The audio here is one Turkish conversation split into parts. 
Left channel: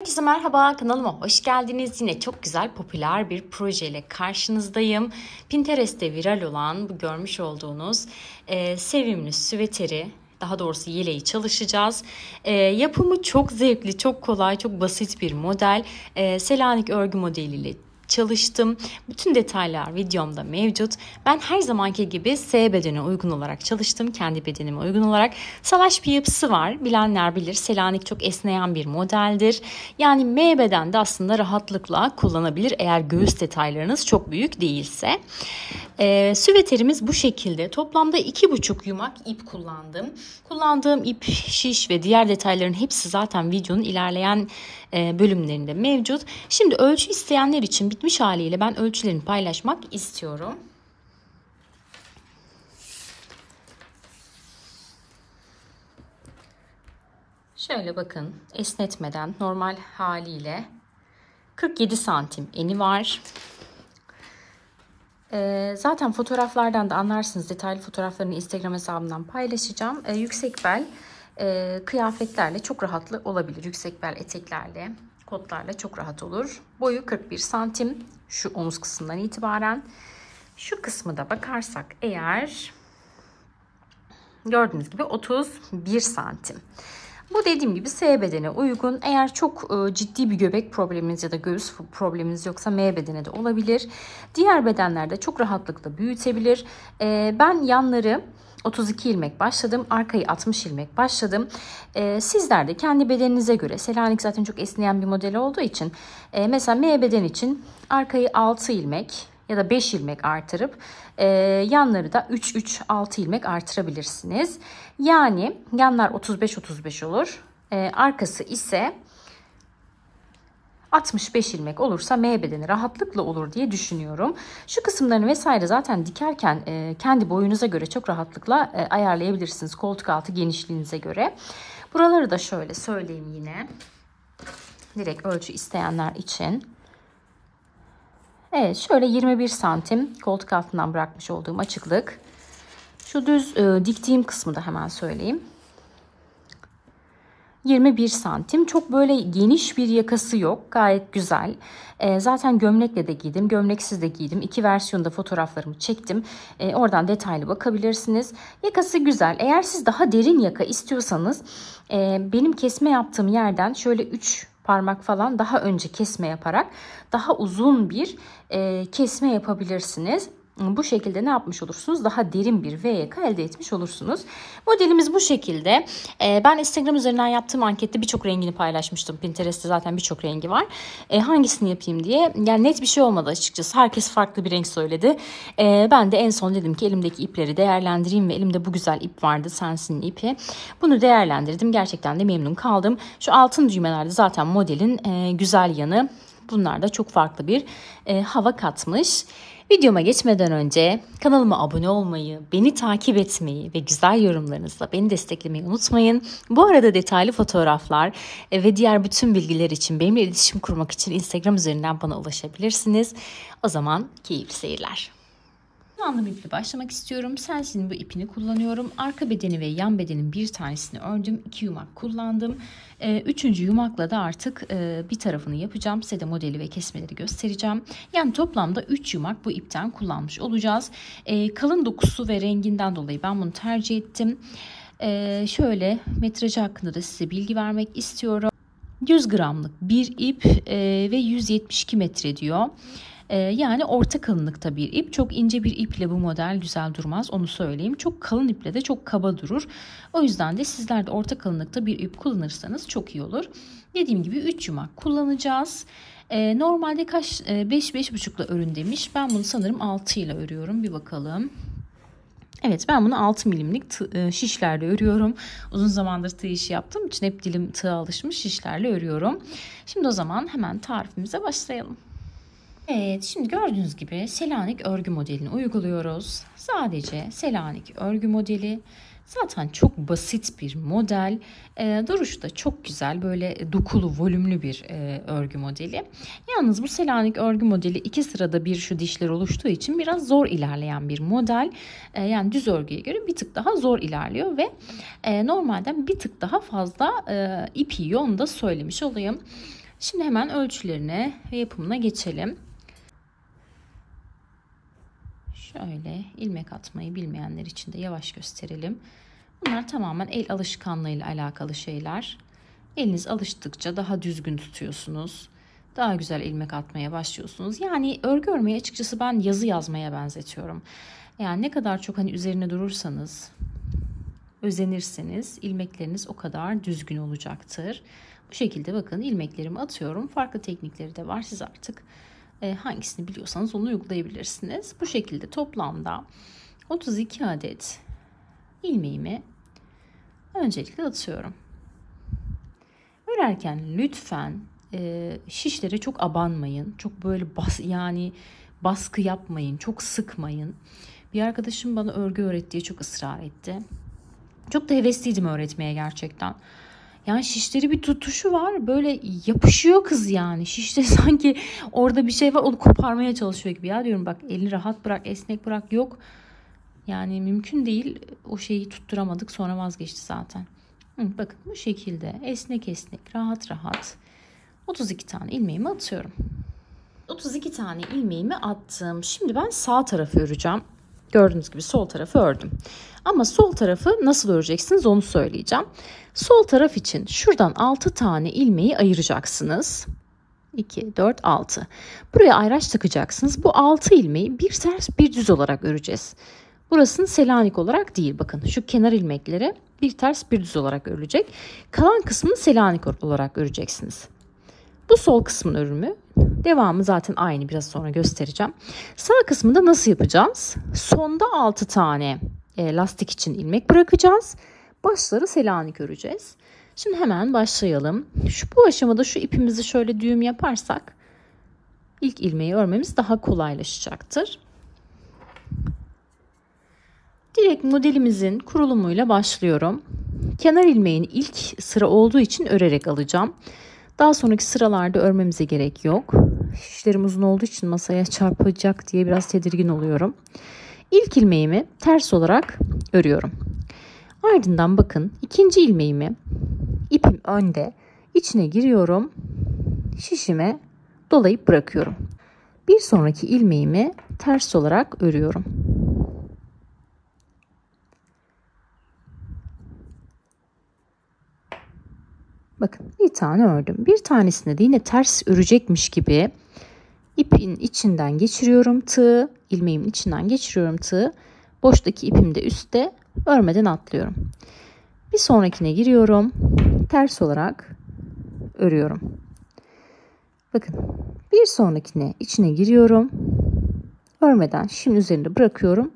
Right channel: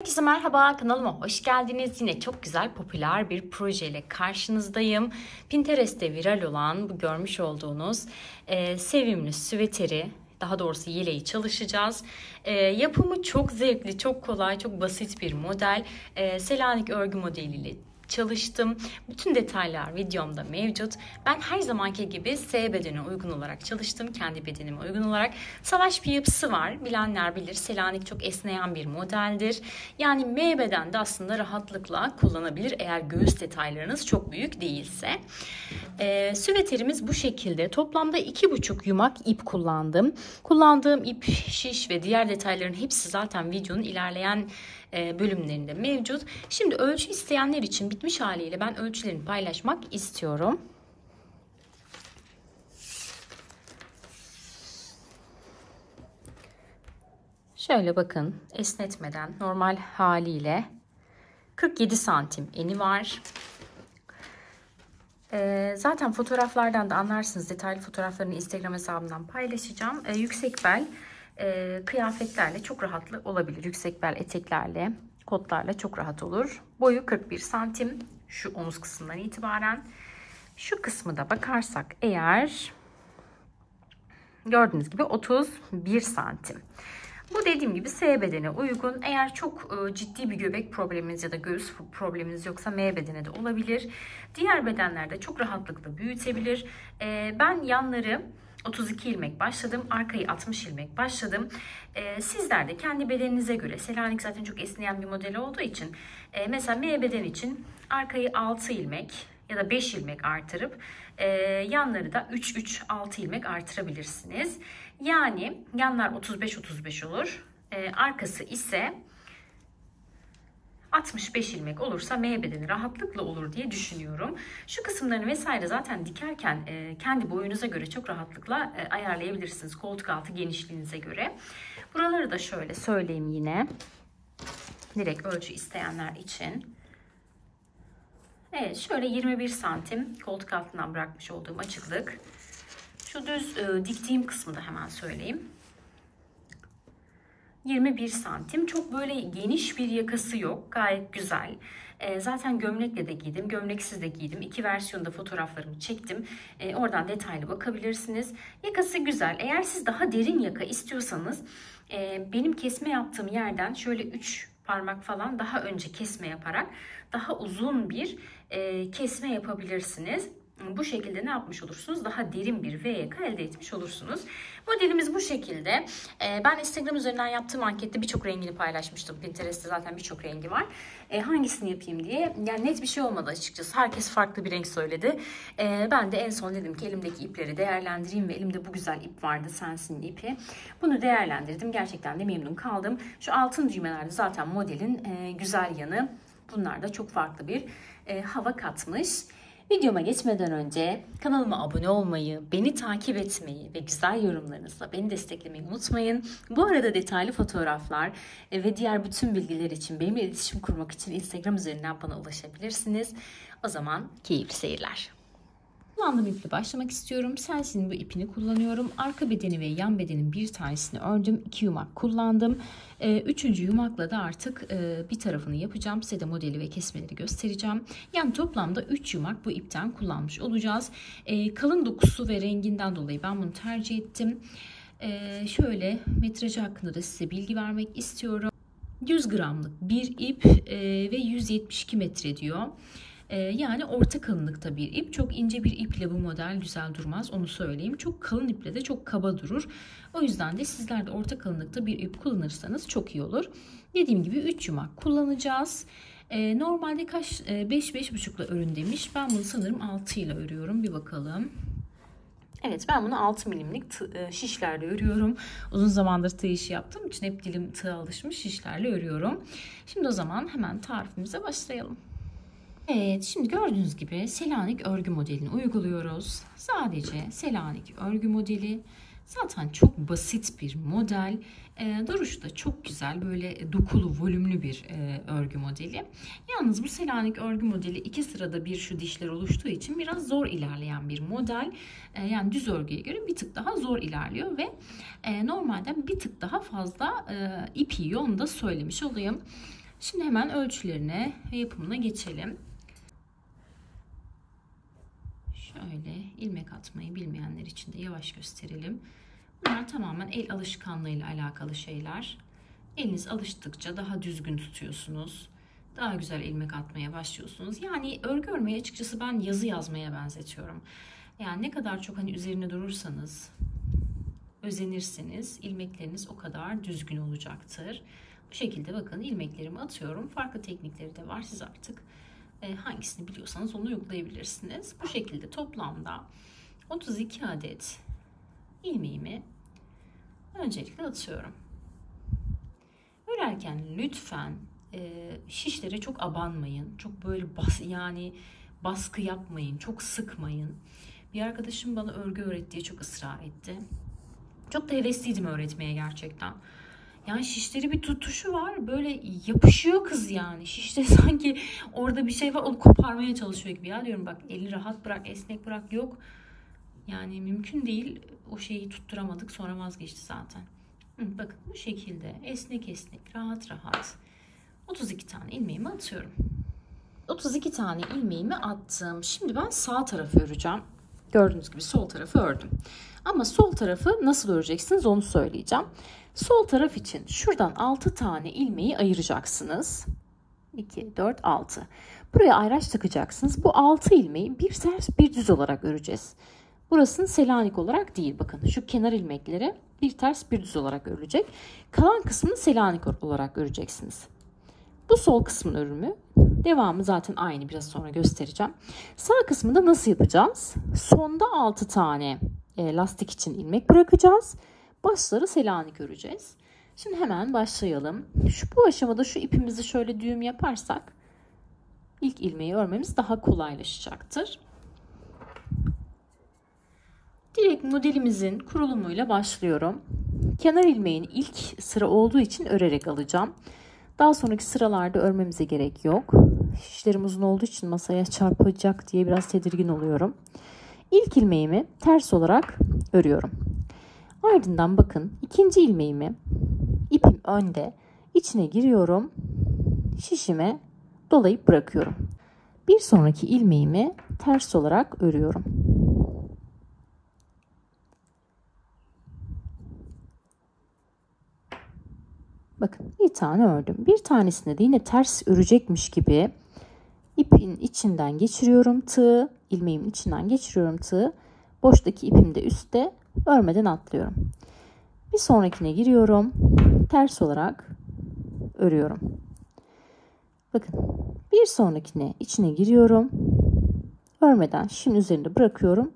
Herkese merhaba, kanalıma hoş geldiniz. Yine çok güzel, popüler bir projeyle karşınızdayım. Pinterest'te viral olan bu görmüş olduğunuz sevimli süveteri, daha doğrusu yeleği çalışacağız. Yapımı çok zevkli, çok kolay, çok basit bir model. Selanik örgü modeliyle çalıştım. Bütün detaylar videomda mevcut. Ben her zamanki gibi S bedene uygun olarak çalıştım. Kendi bedenime uygun olarak. Salaş bir yapısı var. Bilenler bilir. Selanik çok esneyen bir modeldir. Yani M bedende aslında rahatlıkla kullanabilir eğer göğüs detaylarınız çok büyük değilse. Süveterimiz bu şekilde. Toplamda 2,5 yumak ip kullandım. Kullandığım ip, şiş ve diğer detayların hepsi zaten videonun ilerleyen bölümlerinde mevcut. Şimdi ölçü isteyenler için bitmiş haliyle ben ölçülerini paylaşmak istiyorum. Şöyle bakın, esnetmeden normal haliyle 47 santim eni var. Zaten fotoğraflardan da anlarsınız. Detaylı fotoğraflarını Instagram hesabımdan paylaşacağım. Yüksek bel kıyafetlerle çok rahatlı olabilir. Yüksek bel eteklerle, kotlarla çok rahat olur. Boyu 41 santim. Şu omuz kısmından itibaren. Şu kısmı da bakarsak eğer gördüğünüz gibi 31 santim. Bu dediğim gibi S bedene uygun. Eğer çok ciddi bir göbek probleminiz ya da göğüs probleminiz yoksa M bedene de olabilir. Diğer bedenlerde çok rahatlıkla büyütebilir. Ben yanları 32 ilmek başladım. Arkayı 60 ilmek başladım. Sizler de kendi bedeninize göre, Selanik zaten çok esneyen bir model olduğu için mesela M beden için arkayı 6 ilmek ya da 5 ilmek artırıp yanları da 3-3-6 ilmek artırabilirsiniz. Yani yanlar 35-35 olur. Arkası ise 65 ilmek olursa M bedeni rahatlıkla olur diye düşünüyorum. Şu kısımlarını vesaire zaten dikerken kendi boyunuza göre çok rahatlıkla ayarlayabilirsiniz. Koltuk altı genişliğinize göre. Buraları da şöyle söyleyeyim yine. Direkt ölçü isteyenler için. Evet, şöyle 21 santim koltuk altından bırakmış olduğum açıklık. Şu düz diktiğim kısmı da hemen söyleyeyim. 21 santim. Çok böyle geniş bir yakası yok. Gayet güzel. Zaten gömlekle de giydim. Gömleksiz de giydim. İki versiyonda fotoğraflarımı çektim. Oradan detaylı bakabilirsiniz. Yakası güzel. Eğer siz daha derin yaka istiyorsanız benim kesme yaptığım yerden şöyle 3 parmak falan daha önce kesme yaparak daha uzun bir kesme yapabilirsiniz. Bu şekilde ne yapmış olursunuz? Daha derin bir V yaka elde etmiş olursunuz. Modelimiz bu şekilde. Ben Instagram üzerinden yaptığım ankette birçok rengini paylaşmıştım. Pinterest'te zaten birçok rengi var. Hangisini yapayım diye. Yani net bir şey olmadı açıkçası. Herkes farklı bir renk söyledi. Ben de en son dedim ki elimdeki ipleri değerlendireyim ve elimde bu güzel ip vardı. Sensin'in ipi. Bunu değerlendirdim. Gerçekten de memnun kaldım. Şu altın düğmelerde zaten modelin güzel yanı. Bunlar da çok farklı bir hava katmış. Videoma geçmeden önce kanalıma abone olmayı, beni takip etmeyi ve güzel yorumlarınızla beni desteklemeyi unutmayın. Bu arada detaylı fotoğraflar ve diğer bütün bilgiler için benimle iletişim kurmak için Instagram üzerinden bana ulaşabilirsiniz. O zaman keyifli seyirler. Kullandığım iple başlamak istiyorum. Sensin'in bu ipini kullanıyorum. Arka bedeni ve yan bedenin bir tanesini ördüm. 2 yumak kullandım. Üçüncü yumakla da artık bir tarafını yapacağım. Size de modeli ve kesmeleri göstereceğim. Yani toplamda 3 yumak bu ipten kullanmış olacağız. Kalın dokusu ve renginden dolayı ben bunu tercih ettim. Şöyle metrajı hakkında da size bilgi vermek istiyorum. 100 gramlık bir ip ve 172 metre diyor. Yani orta kalınlıkta bir ip. Çok ince bir iple bu model güzel durmaz, onu söyleyeyim. Çok kalın iple de çok kaba durur. O yüzden de sizler de orta kalınlıkta bir ip kullanırsanız çok iyi olur. Dediğim gibi 3 yumak kullanacağız. Normalde kaç 5-5,5 ile örün demiş. Ben bunu sanırım 6 ile örüyorum. Bir bakalım. Evet, ben bunu 6 milimlik şişlerle örüyorum. Uzun zamandır tığ işi yaptığım için hep dilim tığa alışmış, şişlerle örüyorum. Şimdi o zaman hemen tarifimize başlayalım. Evet, şimdi gördüğünüz gibi Selanik örgü modelini uyguluyoruz. Sadece Selanik örgü modeli. Zaten çok basit bir model. Duruşu da çok güzel. Böyle dokulu, volümlü bir örgü modeli. Yalnız bu Selanik örgü modeli 2 sırada bir şu dişler oluştuğu için biraz zor ilerleyen bir model. Yani düz örgüye göre bir tık daha zor ilerliyor ve normalden bir tık daha fazla ip yiyor. Onu da söylemiş olayım. Şimdi hemen ölçülerine ve yapımına geçelim. Şöyle ilmek atmayı bilmeyenler için de yavaş gösterelim. Bunlar tamamen el alışkanlığıyla alakalı şeyler. Eliniz alıştıkça daha düzgün tutuyorsunuz. Daha güzel ilmek atmaya başlıyorsunuz. Yani örgü örmeyi açıkçası ben yazı yazmaya benzetiyorum. Yani ne kadar çok hani üzerine durursanız, özenirseniz ilmekleriniz o kadar düzgün olacaktır. Bu şekilde bakın ilmeklerimi atıyorum. Farklı teknikleri de var. Siz artık hangisini biliyorsanız onu uygulayabilirsiniz. Bu şekilde toplamda 32 adet ilmeğimi öncelikle atıyorum. Örerken lütfen şişlere çok abanmayın. Çok böyle baskı yapmayın. Çok sıkmayın. Bir arkadaşım bana örgü öğret diye çok ısrar etti. Çok da hevesliydim öğretmeye gerçekten. Yani şişleri bir tutuşu var. Böyle yapışıyor kız yani. Şişte sanki orada bir şey var. Onu koparmaya çalışıyor gibi. Ya diyorum bak elini rahat bırak, esnek bırak. Yok. Yani mümkün değil. O şeyi tutturamadık. Sonra vazgeçti zaten. Bakın bu şekilde esnek esnek, rahat rahat 32 tane ilmeğimi atıyorum. 32 tane ilmeğimi attım. Şimdi ben sağ tarafı öreceğim. Gördüğünüz gibi sol tarafı ördüm. Ama sol tarafı nasıl öreceksiniz onu söyleyeceğim. Sol taraf için şuradan 6 tane ilmeği ayıracaksınız. 2, 4, 6. Buraya ayraç takacaksınız. Bu 6 ilmeği bir ters bir düz olarak öreceğiz. Burasını Selanik olarak değil. Bakın şu kenar ilmekleri bir ters bir düz olarak örülecek. Kalan kısmını Selanik olarak öreceksiniz. Bu sol kısmın örümü. Devamı zaten aynı, biraz sonra göstereceğim. Sağ kısmında nasıl yapacağız? Sonda 6 tane lastik için ilmek bırakacağız. Başları Selanik öreceğiz. Şimdi hemen başlayalım. Bu aşamada şu ipimizi şöyle düğüm yaparsak ilk ilmeği örmemiz daha kolaylaşacaktır. Direkt modelimizin kurulumuyla başlıyorum. Kenar ilmeğini ilk sıra olduğu için örerek alacağım. Daha sonraki sıralarda örmemize gerek yok. Şişlerim uzun olduğu için masaya çarpacak diye biraz tedirgin oluyorum. İlk ilmeğimi ters olarak örüyorum. Ardından bakın ikinci ilmeğimi ipim önde içine giriyorum. Şişime dolayıp bırakıyorum. Bir sonraki ilmeğimi ters olarak örüyorum. Bakın bir tane ördüm. Bir tanesinde de yine ters örecekmiş gibi ipin içinden geçiriyorum tığı. İlmeğimin içinden geçiriyorum tığı. Boştaki ipim de üstte, örmeden atlıyorum. Bir sonrakine giriyorum. Ters olarak örüyorum. Bakın bir sonrakine içine giriyorum. Örmeden şimdi üzerinde bırakıyorum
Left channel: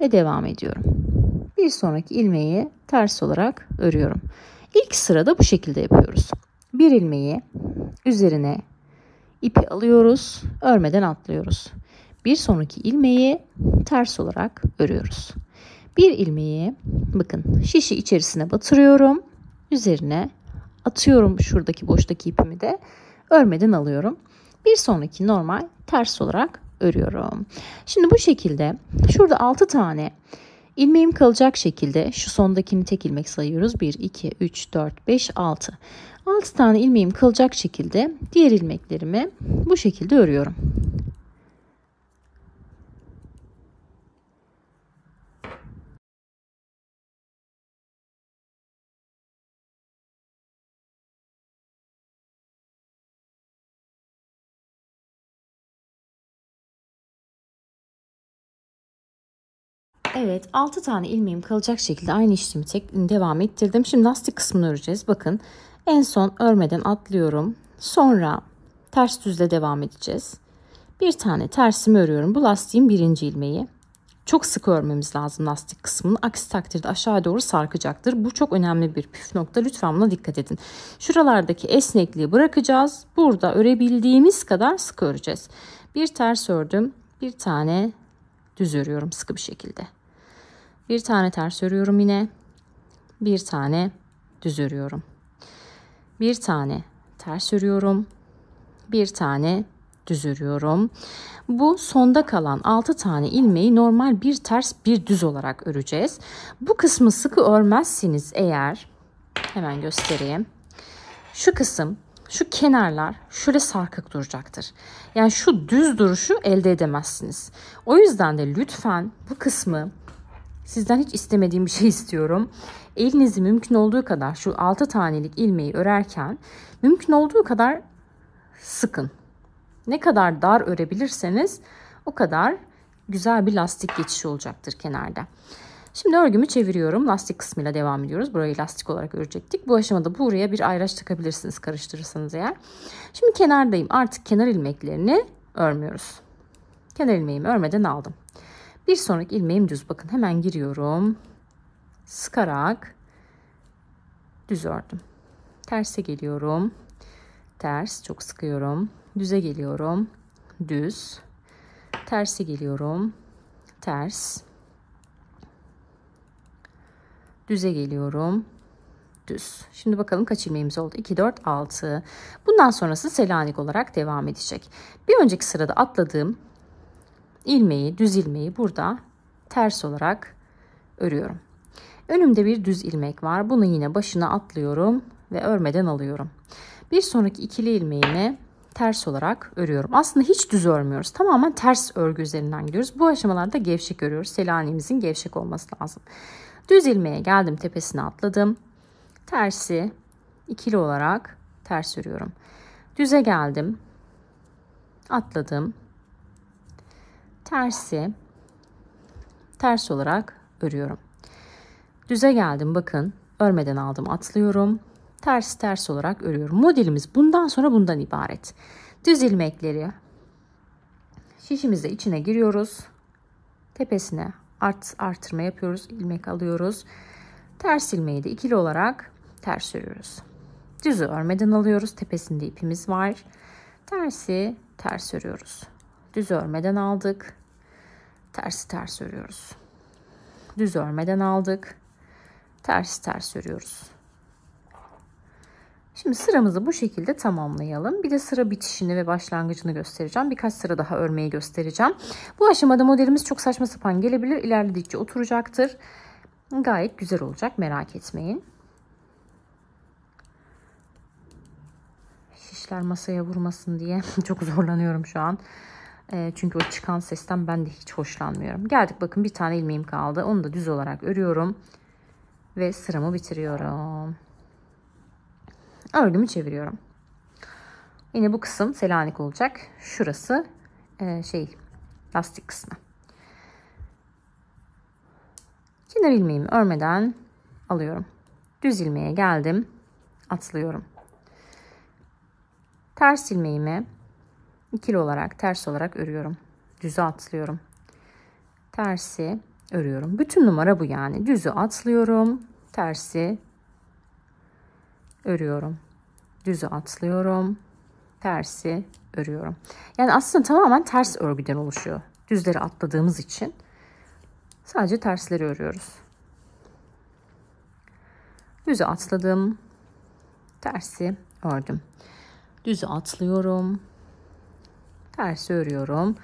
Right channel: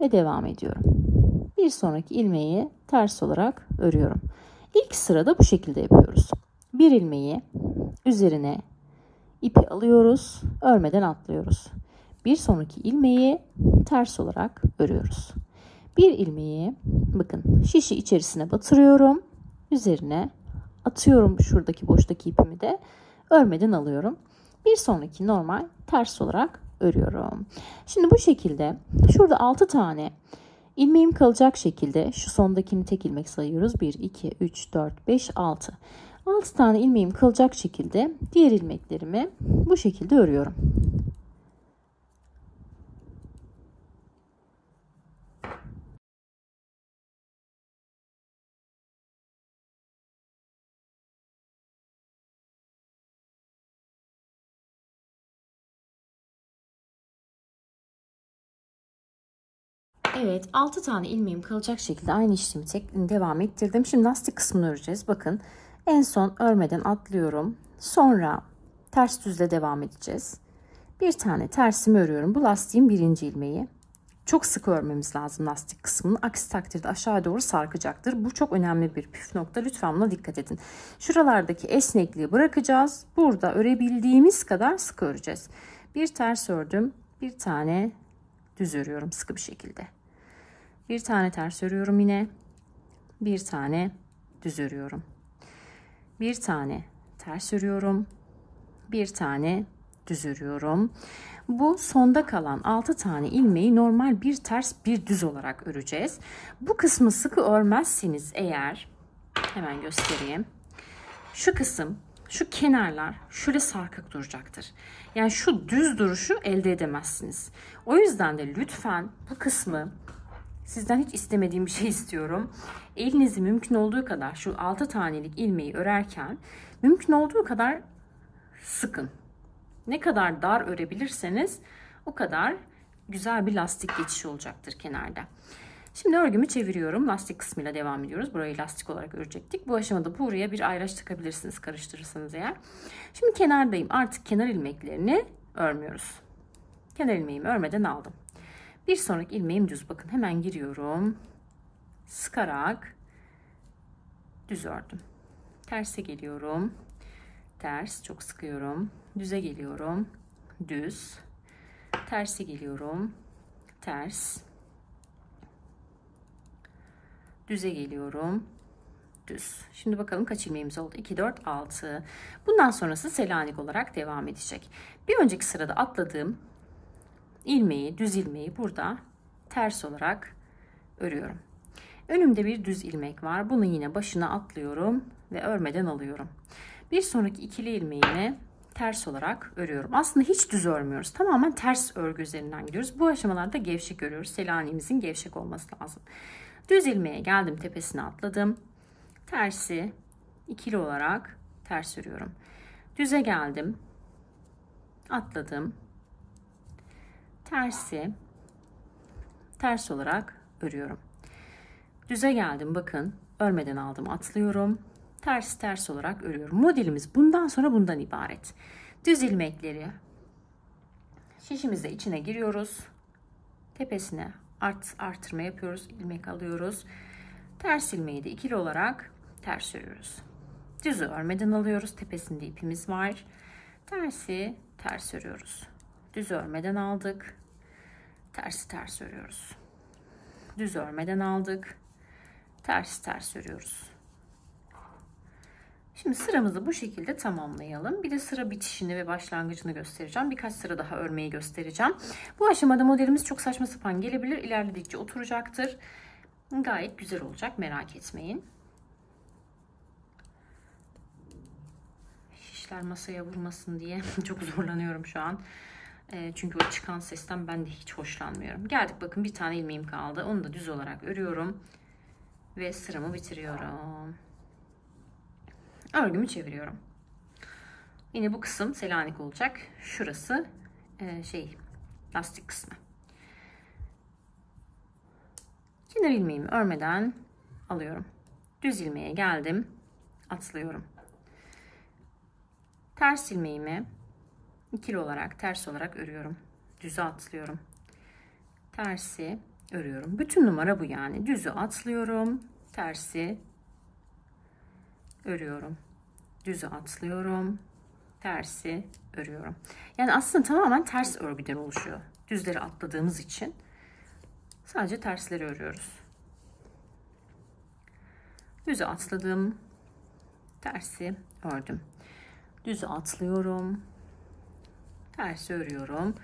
ve devam ediyorum. Bir sonraki ilmeği ters olarak örüyorum. İlk sırada bu şekilde yapıyoruz. Bir ilmeği üzerine ipi alıyoruz, örmeden atlıyoruz. Bir sonraki ilmeği ters olarak örüyoruz. Bir ilmeği bakın şişi içerisine batırıyorum, üzerine atıyorum, şuradaki boştaki ipimi de örmeden alıyorum. Bir sonraki normal ters olarak örüyorum. Şimdi bu şekilde şurada 6 tane ilmeğim kalacak şekilde şu sondakini tek ilmek sayıyoruz. 1, 2, 3, 4, 5, 6. 6 tane ilmeğim kalacak şekilde diğer ilmeklerimi bu şekilde örüyorum. Evet, 6 tane ilmeğim kalacak şekilde aynı işlemi devam ettirdim. Şimdi lastik kısmını öreceğiz. Bakın en son örmeden atlıyorum. Sonra ters düzle devam edeceğiz. Bir tane tersimi örüyorum. Bu lastiğin birinci ilmeği. Çok sık örmemiz lazım lastik kısmını. Aksi takdirde aşağıya doğru sarkacaktır. Bu çok önemli bir püf nokta. Lütfen buna dikkat edin. Şuralardaki esnekliği bırakacağız. Burada örebildiğimiz kadar sık öreceğiz. Bir ters ördüm. Bir tane düz örüyorum sıkı bir şekilde. Bir tane ters örüyorum yine. Bir tane düz örüyorum. Bir tane ters örüyorum. Bir tane düz örüyorum. Bu sonda kalan 6 tane ilmeği normal bir ters bir düz olarak öreceğiz. Bu kısmı sıkı örmezseniz eğer, hemen göstereyim. Şu kısım şu kenarlar şöyle sarkık duracaktır. Yani şu düz duruşu elde edemezsiniz. O yüzden de lütfen bu kısmı, sizden hiç istemediğim bir şey istiyorum. Elinizi mümkün olduğu kadar şu 6 tanelik ilmeği örerken mümkün olduğu kadar sıkın. Ne kadar dar örebilirseniz o kadar güzel bir lastik geçişi olacaktır kenarda. Şimdi örgümü çeviriyorum. Lastik kısmıyla devam ediyoruz. Burayı lastik olarak örecektik. Bu aşamada buraya bir ayraç takabilirsiniz karıştırırsanız eğer. Şimdi kenardayım. Artık kenar ilmeklerini örmüyoruz. Kenar ilmeğimi örmeden aldım. Bir sonraki ilmeğim düz. Bakın hemen giriyorum. Sıkarak düz ördüm. Terse geliyorum. Ters, çok sıkıyorum. Düze geliyorum. Düz. Terse geliyorum. Ters. Düze geliyorum. Düz. Şimdi bakalım kaç ilmeğimiz oldu? 2, 4, 6. Bundan sonrası Selanik olarak devam edecek. Bir önceki sırada atladığım ilmeği, düz ilmeği burada ters olarak örüyorum. Önümde bir düz ilmek var. Bunu yine başına atlıyorum ve örmeden alıyorum. Bir sonraki ikili ilmeğimi ters olarak örüyorum. Aslında hiç düz örmüyoruz. Tamamen ters örgü üzerinden gidiyoruz. Bu aşamalarda gevşek örüyoruz. Selanik'imizin gevşek olması lazım. Düz ilmeğe geldim, tepesine atladım. Tersi ikili olarak ters örüyorum. Düze geldim. Atladım. Tersi ters olarak örüyorum. Düze geldim, bakın örmeden aldım, atlıyorum. Ters ters olarak örüyorum. Modelimiz bundan sonra bundan ibaret. Düz ilmekleri şişimizde içine giriyoruz. Tepesine artırma yapıyoruz. İlmek alıyoruz. Ters ilmeği de ikili olarak ters örüyoruz. Düzü örmeden alıyoruz. Tepesinde ipimiz var. Tersi ters örüyoruz. Düz örmeden aldık. Tersi ters örüyoruz. Düz örmeden aldık. Ters ters örüyoruz. Şimdi sıramızı bu şekilde tamamlayalım. Bir de sıra bitişini ve başlangıcını göstereceğim. Birkaç sıra daha örmeyi göstereceğim. Bu aşamada modelimiz çok saçma sapan gelebilir. İlerledikçe oturacaktır. Gayet güzel olacak, merak etmeyin. Şişler masaya vurmasın diye çok zorlanıyorum şu an. Çünkü o çıkan sesten ben de hiç hoşlanmıyorum. Geldik, bakın bir tane ilmeğim kaldı. Onu da düz olarak örüyorum. Ve sıramı bitiriyorum. Örgümü çeviriyorum. Yine bu kısım Selanik olacak. Şurası lastik kısmı. Kenar ilmeğimi örmeden alıyorum. Düz ilmeğe geldim. Atlıyorum. Ters ilmeğimi ikili olarak ters olarak örüyorum. Düzü atlıyorum. Tersi örüyorum. Bütün numara bu yani. Düzü atlıyorum. Tersi örüyorum. Düzü atlıyorum. Tersi örüyorum. Yani aslında tamamen ters örgüden oluşuyor. Düzleri atladığımız için sadece tersleri örüyoruz. Düzü atladım. Tersi ördüm. Düzü atlıyorum. Tersi örüyorum.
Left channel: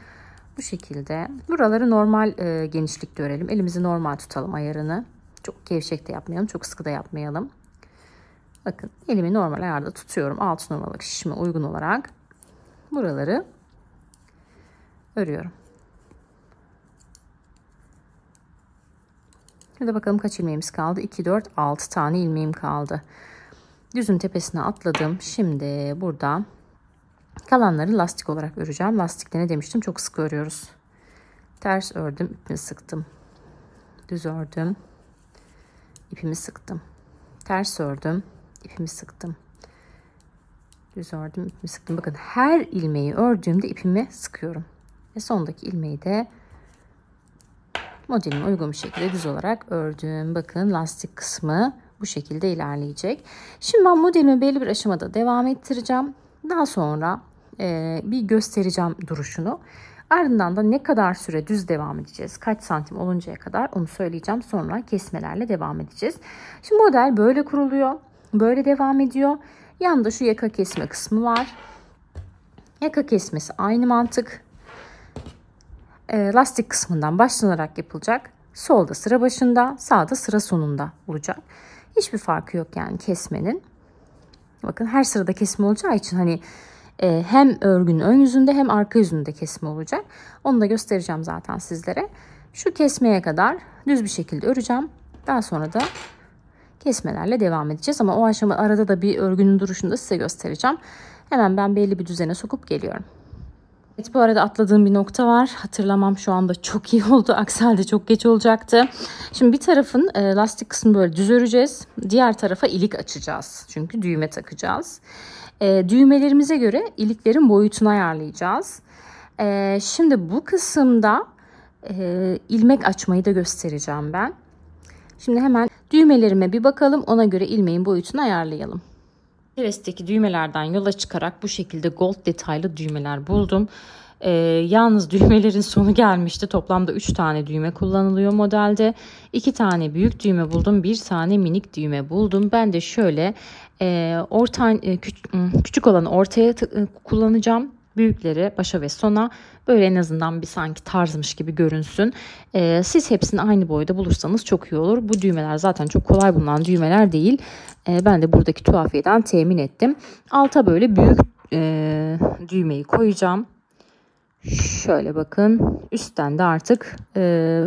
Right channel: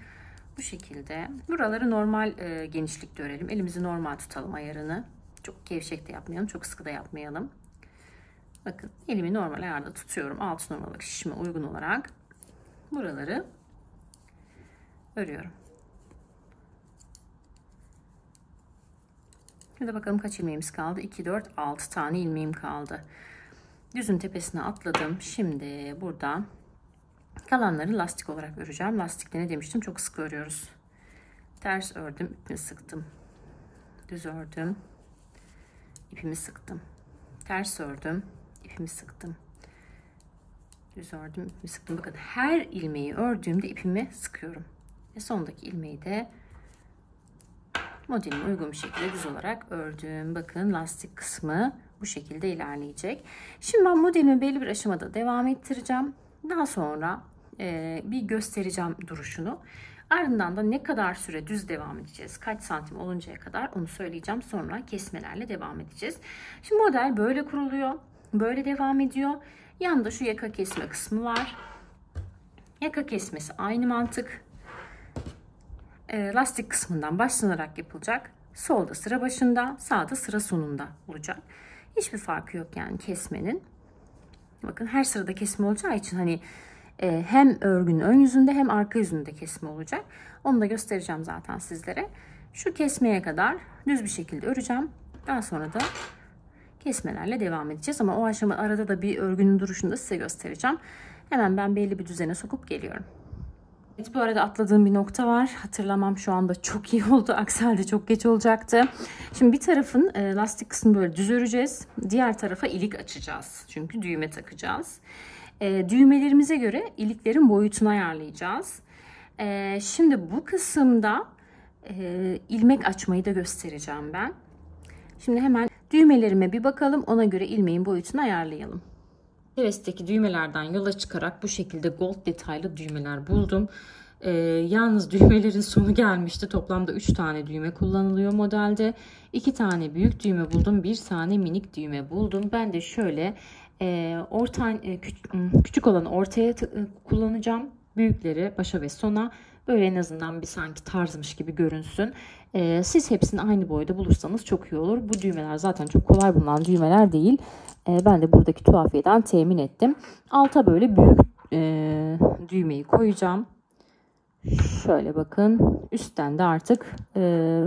Bu şekilde. Buraları normal genişlikte örelim. Elimizi normal tutalım ayarını. Çok gevşek de yapmayalım. Çok sıkı da yapmayalım. Bakın elimi normal ayarda tutuyorum. 6 numaralık şişime uygun olarak buraları örüyorum. Şimdi bakalım kaç ilmeğimiz kaldı? 2, 4, 6 tane ilmeğim kaldı. Düzün tepesine atladım. Şimdi burada kalanları lastik olarak öreceğim. Lastikte ne demiştim? Çok sık örüyoruz. Ters ördüm, ipimi sıktım. Düz ördüm, ipimi sıktım. Ters ördüm, ipimi sıktım. Düz ördüm, ipimi sıktım. Bakın her ilmeği ördüğümde ipimi sıkıyorum. Ve sondaki ilmeği de modelime uygun bir şekilde düz olarak ördüm. Bakın lastik kısmı bu şekilde ilerleyecek. Şimdi ben modelimi belli bir aşamada devam ettireceğim. Daha sonra bir göstereceğim duruşunu. Ardından da ne kadar süre düz devam edeceğiz, kaç santim oluncaya kadar onu söyleyeceğim. Sonra kesmelerle devam edeceğiz. Şimdi model böyle kuruluyor. Böyle devam ediyor. Yanında şu yaka kesme kısmı var. Yaka kesmesi aynı mantık. Lastik kısmından başlanarak yapılacak. Solda sıra başında, sağda sıra sonunda olacak. Hiçbir farkı yok yani kesmenin. Bakın her sırada kesme olacağı için hani hem örgünün ön yüzünde hem arka yüzünde kesme olacak. Onu da göstereceğim zaten sizlere. Şu kesmeye kadar düz bir şekilde öreceğim. Daha sonra da kesmelerle devam edeceğiz. Ama o aşama arada da bir örgünün duruşunu da size göstereceğim. Hemen ben belli bir düzene sokup geliyorum. Evet, bu arada atladığım bir nokta var. Hatırlamam şu anda çok iyi oldu. Aksi halde çok geç olacaktı. Şimdi bir tarafın lastik kısmını böyle düz öreceğiz. Diğer tarafa ilik açacağız. Çünkü düğme takacağız. Düğmelerimize göre iliklerin boyutunu ayarlayacağız. Şimdi bu kısımda ilmek açmayı da göstereceğim ben. Şimdi hemen düğmelerime bir bakalım. Ona göre ilmeğin boyutunu ayarlayalım. Heves'teki düğmelerden yola çıkarak bu şekilde gold detaylı düğmeler buldum. Yalnız düğmelerin sonu gelmişti. Toplamda 3 tane düğme kullanılıyor modelde. 2 tane büyük düğme buldum. 1 tane minik düğme buldum. Ben de şöyle küçük olanı ortaya kullanacağım. Büyükleri başa ve sona. Böyle en azından bir sanki tarzmış gibi görünsün. Siz hepsini aynı boyda bulursanız çok iyi olur. Bu düğmeler zaten çok kolay bulunan düğmeler değil. Ben de buradaki tuhafiyeden temin ettim. Alta böyle büyük düğmeyi koyacağım. Şöyle bakın. Üstten de artık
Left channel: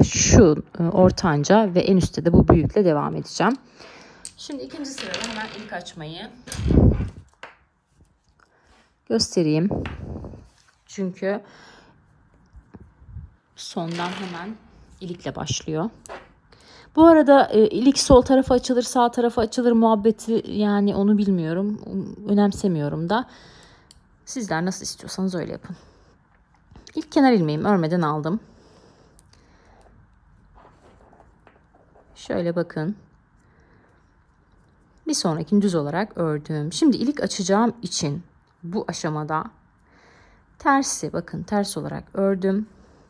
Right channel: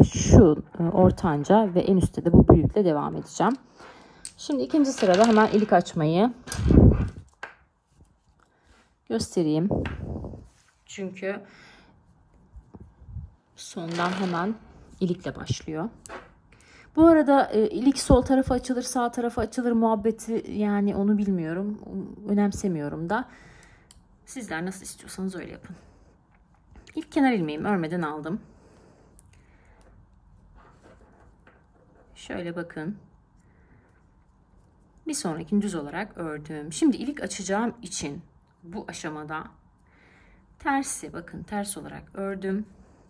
şu ortanca ve en üstte de bu büyükle devam edeceğim. Şimdi ikinci sırada hemen ilik açmayı göstereyim. Çünkü sondan hemen ilikle başlıyor. Bu arada ilik sol tarafa açılır, sağ tarafa açılır muhabbeti, yani onu bilmiyorum. Önemsemiyorum da. Sizler nasıl istiyorsanız öyle yapın. İlk kenar ilmeğimi örmeden aldım. Şöyle bakın. Bir sonrakini düz olarak ördüm. Şimdi ilik açacağım için bu aşamada tersi, bakın ters olarak ördüm.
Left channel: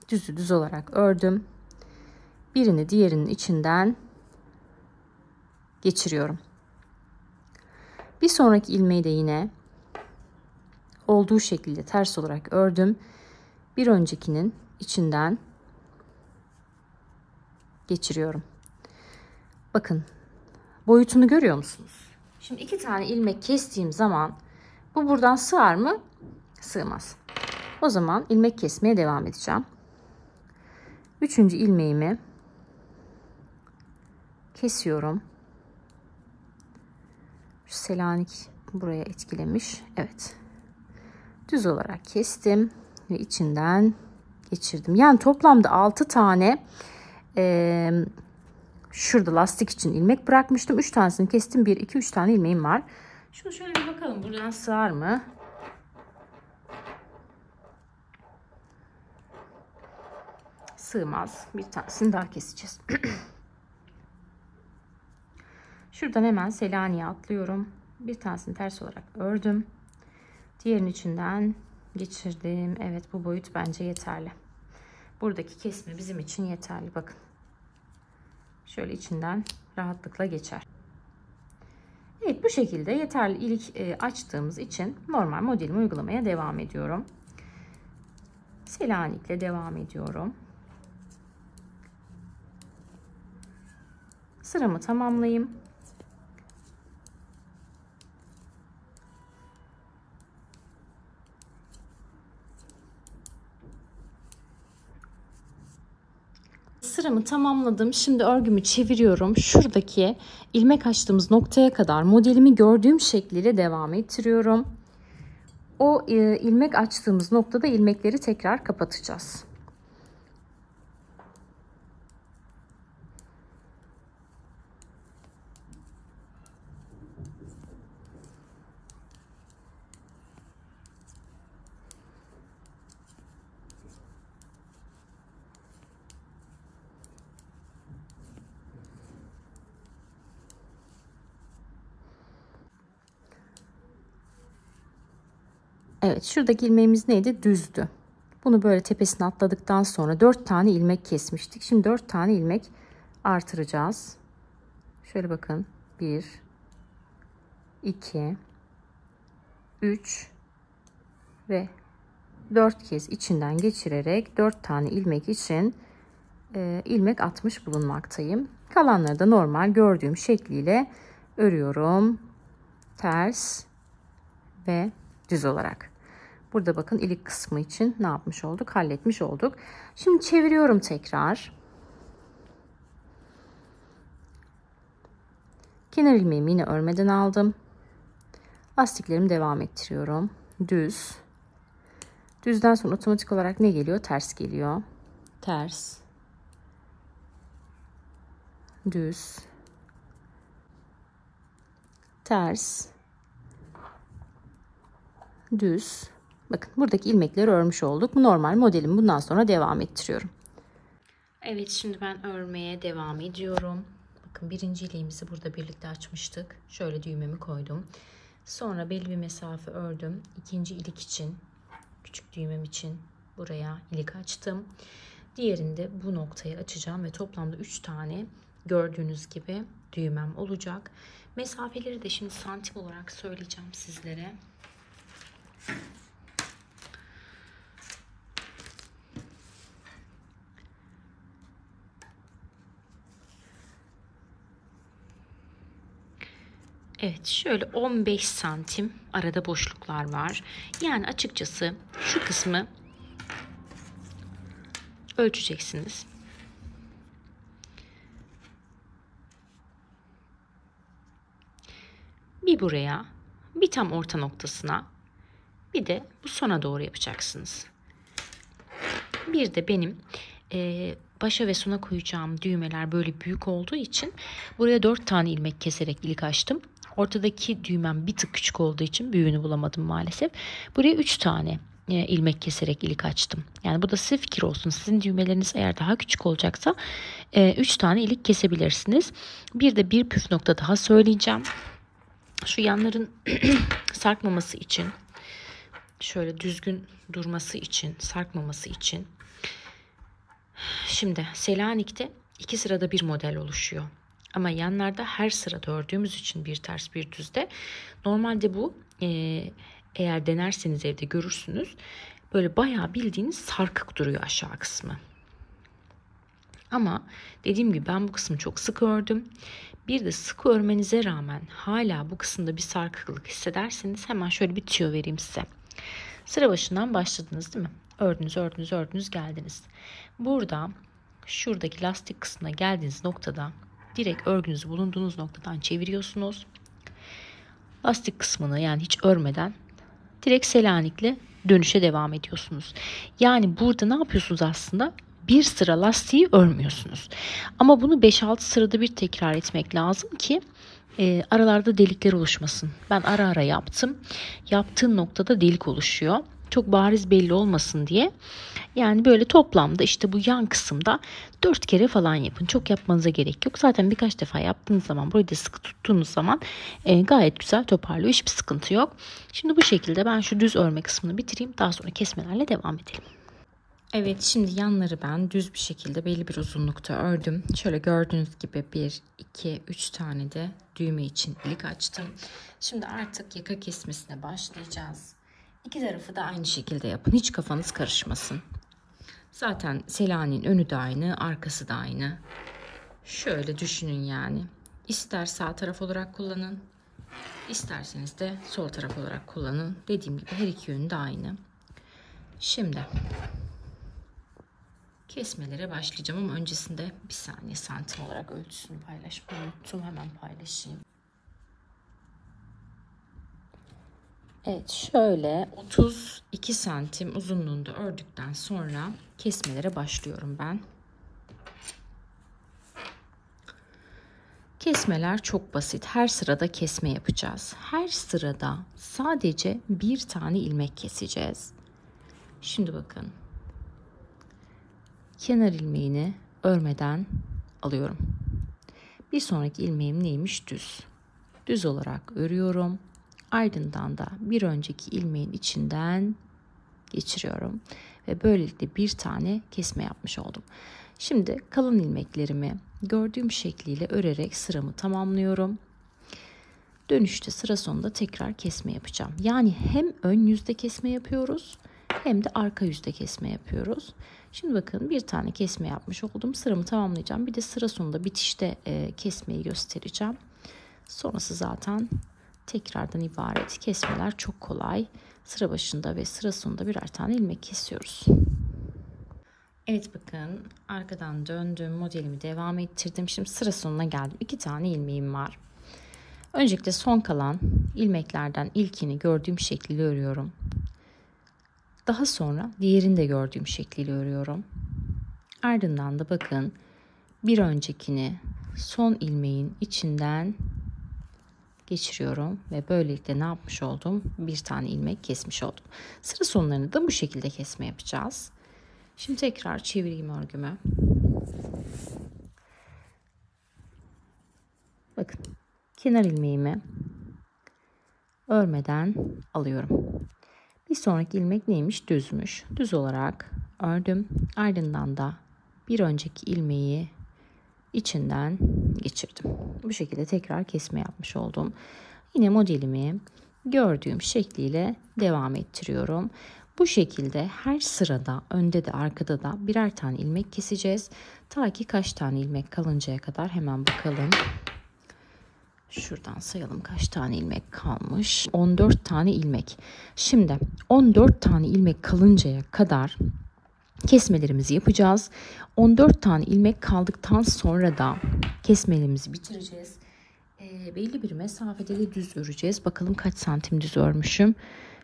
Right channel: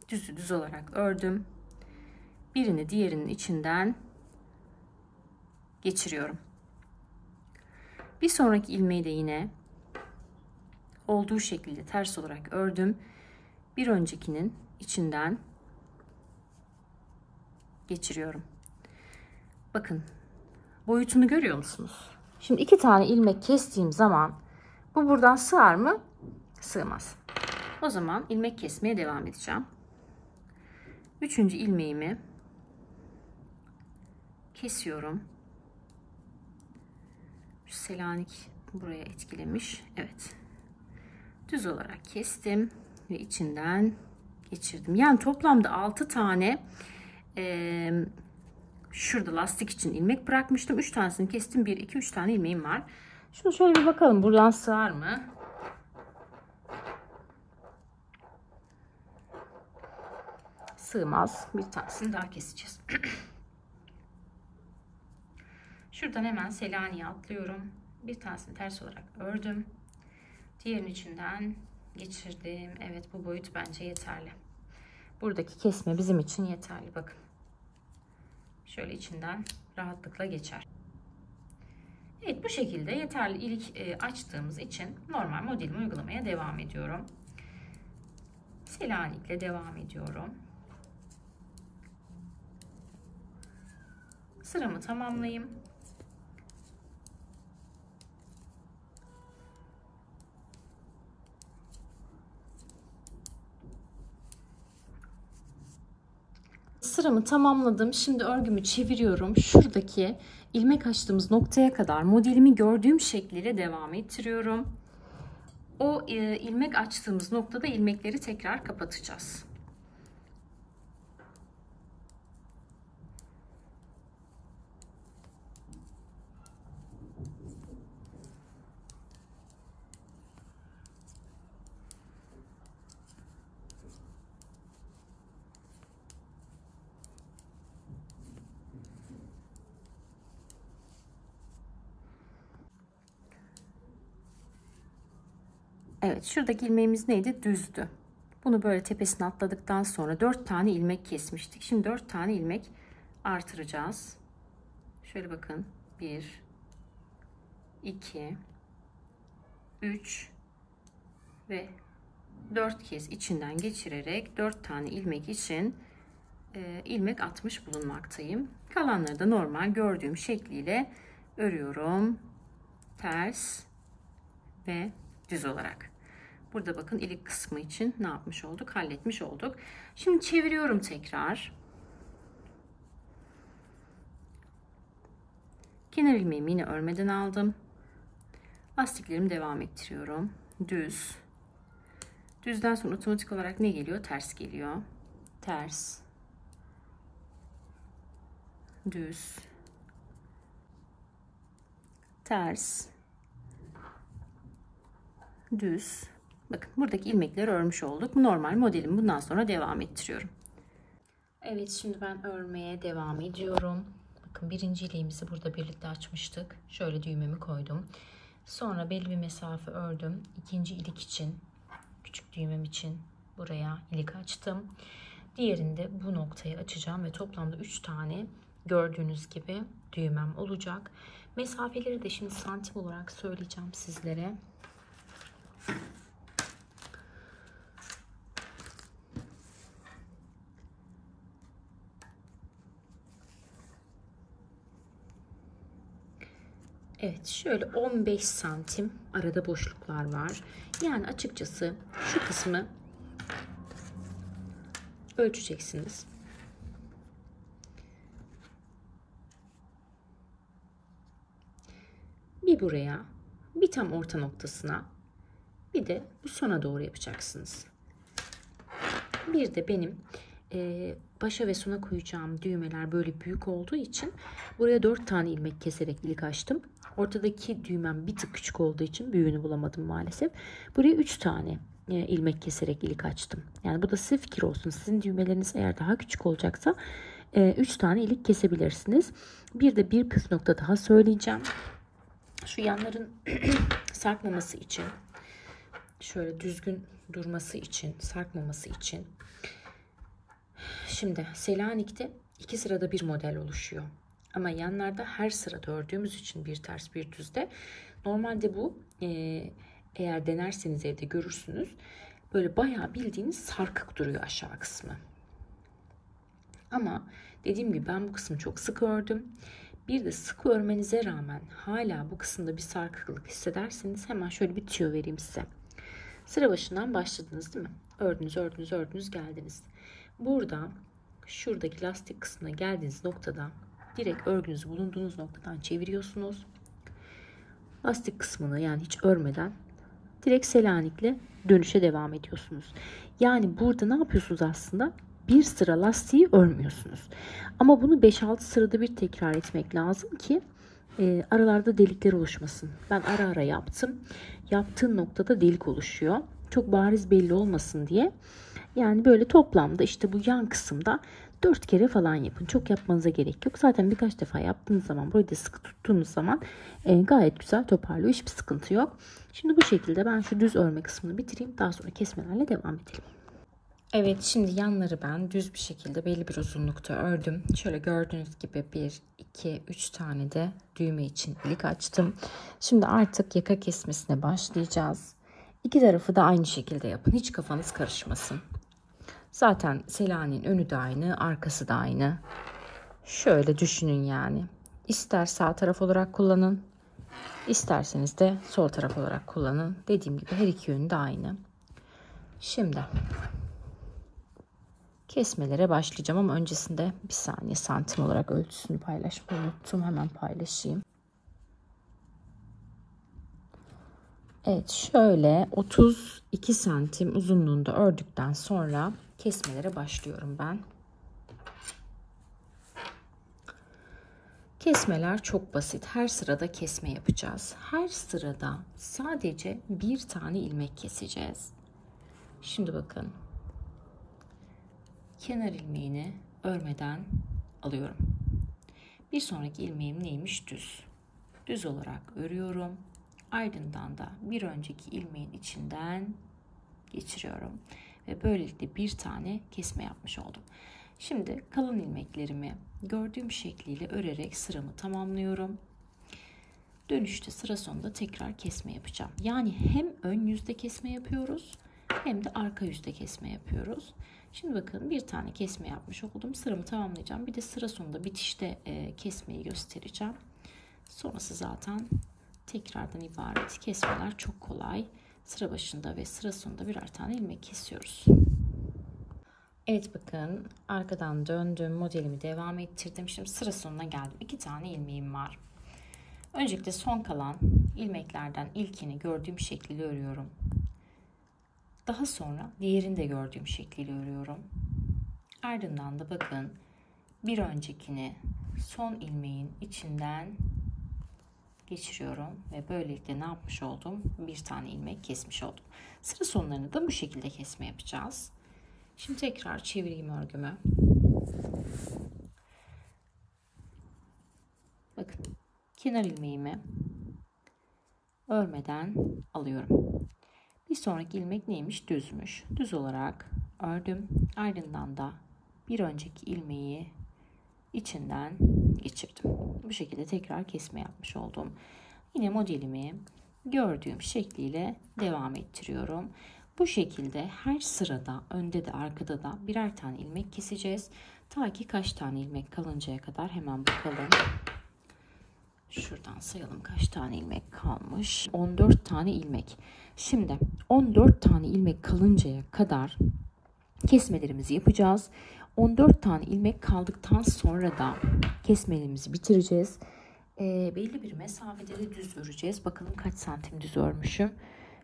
Düzü düz olarak ördüm. Birini diğerinin içinden geçiriyorum. Bir sonraki ilmeği de yine olduğu şekilde ters olarak ördüm. Bir öncekinin içinden geçiriyorum. Bakın boyutunu görüyor musunuz? Şimdi 2 tane ilmek kestiğim zaman bu buradan sığar mı? Sığmaz. O zaman ilmek kesmeye devam edeceğim. 3. ilmeğimi kesiyorum. Şu Selanik buraya etkilemiş. Evet. Düz olarak kestim ve içinden geçirdim. Yani toplamda 6 tane şurada lastik için ilmek bırakmıştım. 3 tanesini kestim. 1, 2, 3 tane ilmeğim var. Şunu şöyle bir bakalım. Buradan sığar mı? Sığmaz. Bir tanesini daha keseceğiz. Şuradan hemen Selanik'e atlıyorum. Bir tanesini ters olarak ördüm. Diğerinin içinden geçirdim. Evet, bu boyut bence yeterli. Buradaki kesme bizim için yeterli. Bakın. Şöyle içinden rahatlıkla geçer. Evet, bu şekilde yeterli ilik açtığımız için normal modelimi uygulamaya devam ediyorum. Selanik'le devam ediyorum. Sıramı tamamlayayım. Sıramı tamamladım. Şimdi örgümü çeviriyorum. Şuradaki ilmek açtığımız noktaya kadar modelimi gördüğüm şekliyle devam ettiriyorum. O ilmek açtığımız noktada ilmekleri tekrar kapatacağız. Evet, şuradaki ilmeğimiz neydi? Düzdü. Bunu böyle tepesine atladıktan sonra 4 tane ilmek kesmiştik. Şimdi 4 tane ilmek artıracağız. Şöyle bakın. 1 2 3 ve 4 kez içinden geçirerek 4 tane ilmek için ilmek atmış bulunmaktayım. Kalanları da normal gördüğüm şekliyle örüyorum. Ters, ve düz olarak. Burada bakın ilik kısmı için ne yapmış olduk? Halletmiş olduk. Şimdi çeviriyorum tekrar. Kenar ilmeğimi yine örmeden aldım. Lastiklerimi devam ettiriyorum. Düz. Düzden sonra otomatik olarak ne geliyor? Ters geliyor. Ters. Düz. Ters. Düz. Bakın buradaki ilmekleri örmüş olduk. Bu normal modelimi bundan sonra devam ettiriyorum. Evet, şimdi ben örmeye devam ediyorum. Bakın birinci iliğimizi burada birlikte açmıştık. Şöyle düğmemi koydum. Sonra belli bir mesafe ördüm. İkinci ilik için, küçük düğmem için buraya ilik açtım. Diğerinde bu noktayı açacağım ve toplamda 3 tane gördüğünüz gibi düğmem olacak. Mesafeleri de şimdi santim olarak söyleyeceğim sizlere. Evet, şöyle 15 santim arada boşluklar var. Yani açıkçası şu kısmı ölçeceksiniz. Bir buraya, bir tam orta noktasına, bir de bu sona doğru yapacaksınız. Bir de benim başa ve sona koyacağım düğmeler böyle büyük olduğu için buraya 4 tane ilmek keserek ilik açtım. Ortadaki düğmem bir tık küçük olduğu için büyüğünü bulamadım maalesef. Buraya 3 tane ilmek keserek ilik açtım. Yani bu da size fikir olsun. Sizin düğmeleriniz eğer daha küçük olacaksa 3 tane ilik kesebilirsiniz. Bir de bir püf nokta daha söyleyeceğim. Şu yanların sarkmaması için, şöyle düzgün durması için, sarkmaması için. Şimdi Selanik'te 2 sırada bir model oluşuyor. Ama yanlarda her sırada ördüğümüz için bir ters bir düzde. Normalde bu eğer denerseniz evde görürsünüz. Böyle bayağı bildiğiniz sarkık duruyor aşağı kısmı. Ama dediğim gibi ben bu kısmı çok sık ördüm. Bir de sık örmenize rağmen hala bu kısımda bir sarkıklık hissederseniz hemen şöyle bir tüyo vereyim size. Sıra başından başladınız değil mi? Ördünüz, ördünüz, ördünüz, geldiniz. Burada şuradaki lastik kısmına geldiğiniz noktada direkt örgünüzü bulunduğunuz noktadan çeviriyorsunuz. Lastik kısmını yani hiç örmeden direkt Selanik'le dönüşe devam ediyorsunuz. Yani burada ne yapıyorsunuz aslında? Bir sıra lastiği örmüyorsunuz. Ama bunu 5-6 sırada bir tekrar etmek lazım ki aralarda delikler oluşmasın. Ben ara ara yaptım. Yaptığım noktada delik oluşuyor. Çok bariz belli olmasın diye. Yani böyle toplamda işte bu yan kısımda 4 kere falan yapın. Çok yapmanıza gerek yok. Zaten birkaç defa yaptığınız zaman, burayı da sıkı tuttuğunuz zaman gayet güzel toparlıyor. Hiçbir sıkıntı yok. Şimdi bu şekilde ben şu düz örme kısmını bitireyim. Daha sonra kesmelerle devam edelim. Evet, şimdi yanları ben düz bir şekilde belli bir uzunlukta ördüm. Şöyle gördüğünüz gibi 1, 2, 3 tane de düğme için ilik açtım. Şimdi artık yaka kesmesine başlayacağız. İki tarafı da aynı şekilde yapın. Hiç kafanız karışmasın. Zaten Selanik'in önü de aynı, arkası da aynı. Şöyle düşünün yani. İster sağ taraf olarak kullanın, isterseniz de sol taraf olarak kullanın. Dediğim gibi her iki yönü de aynı. Şimdi kesmelere başlayacağım ama öncesinde bir saniye santim olarak ölçüsünü paylaşmayı unuttum. Hemen paylaşayım. Evet, şöyle 32 santim uzunluğunda ördükten sonra kesmelere başlıyorum ben. Kesmeler çok basit. Her sırada kesme yapacağız. Her sırada sadece bir tane ilmek keseceğiz. Şimdi bakın. Kenar ilmeğini örmeden alıyorum. Bir sonraki ilmeğim neymiş? Düz. Düz olarak örüyorum. Ardından da bir önceki ilmeğin içinden geçiriyorum. Ve böylelikle bir tane kesme yapmış oldum. Şimdi kalan ilmeklerimi gördüğüm şekliyle örerek sıramı tamamlıyorum. Dönüşte sıra sonunda tekrar kesme yapacağım. Yani hem ön yüzde kesme yapıyoruz hem de arka yüzde kesme yapıyoruz. Şimdi bakın bir tane kesme yapmış oldum. Sıramı tamamlayacağım. Bir de sıra sonunda bitişte kesmeyi göstereceğim. Sonrası zaten tekrardan ibaret. Kesmeler çok kolay. Sıra başında ve sıra sonunda birer tane ilmek kesiyoruz. Evet, bakın arkadan döndüm, modelimi devam ettirdim. Şimdi sıra sonuna geldim. 2 tane ilmeğim var. Öncelikle son kalan ilmeklerden ilkini gördüğüm şekliyle örüyorum. Daha sonra diğerini de gördüğüm şekliyle örüyorum. Ardından da bakın bir öncekini son ilmeğin içinden geçiriyorum ve böylelikle ne yapmış oldum? Bir tane ilmek kesmiş oldum. Sıra sonlarını da bu şekilde kesme yapacağız. Şimdi tekrar çevireyim örgümü. Bakın kenar ilmeğimi örmeden alıyorum. Bir sonraki ilmek neymiş? Düzmüş. Düz olarak ördüm. Ardından da bir önceki ilmeği içinden geçirdim. Bu şekilde tekrar kesme yapmış oldum. Yine modelimi gördüğüm şekliyle devam ettiriyorum. Bu şekilde her sırada önde de arkada da birer tane ilmek keseceğiz. Ta ki kaç tane ilmek kalıncaya kadar, hemen bakalım. Şuradan sayalım kaç tane ilmek kalmış. 14 tane ilmek. Şimdi 14 tane ilmek kalıncaya kadar kesmelerimizi yapacağız. 14 tane ilmek kaldıktan sonra da kesmelerimizi bitireceğiz. Belli bir mesafede de düz öreceğiz. Bakalım kaç santim düz örmüşüm.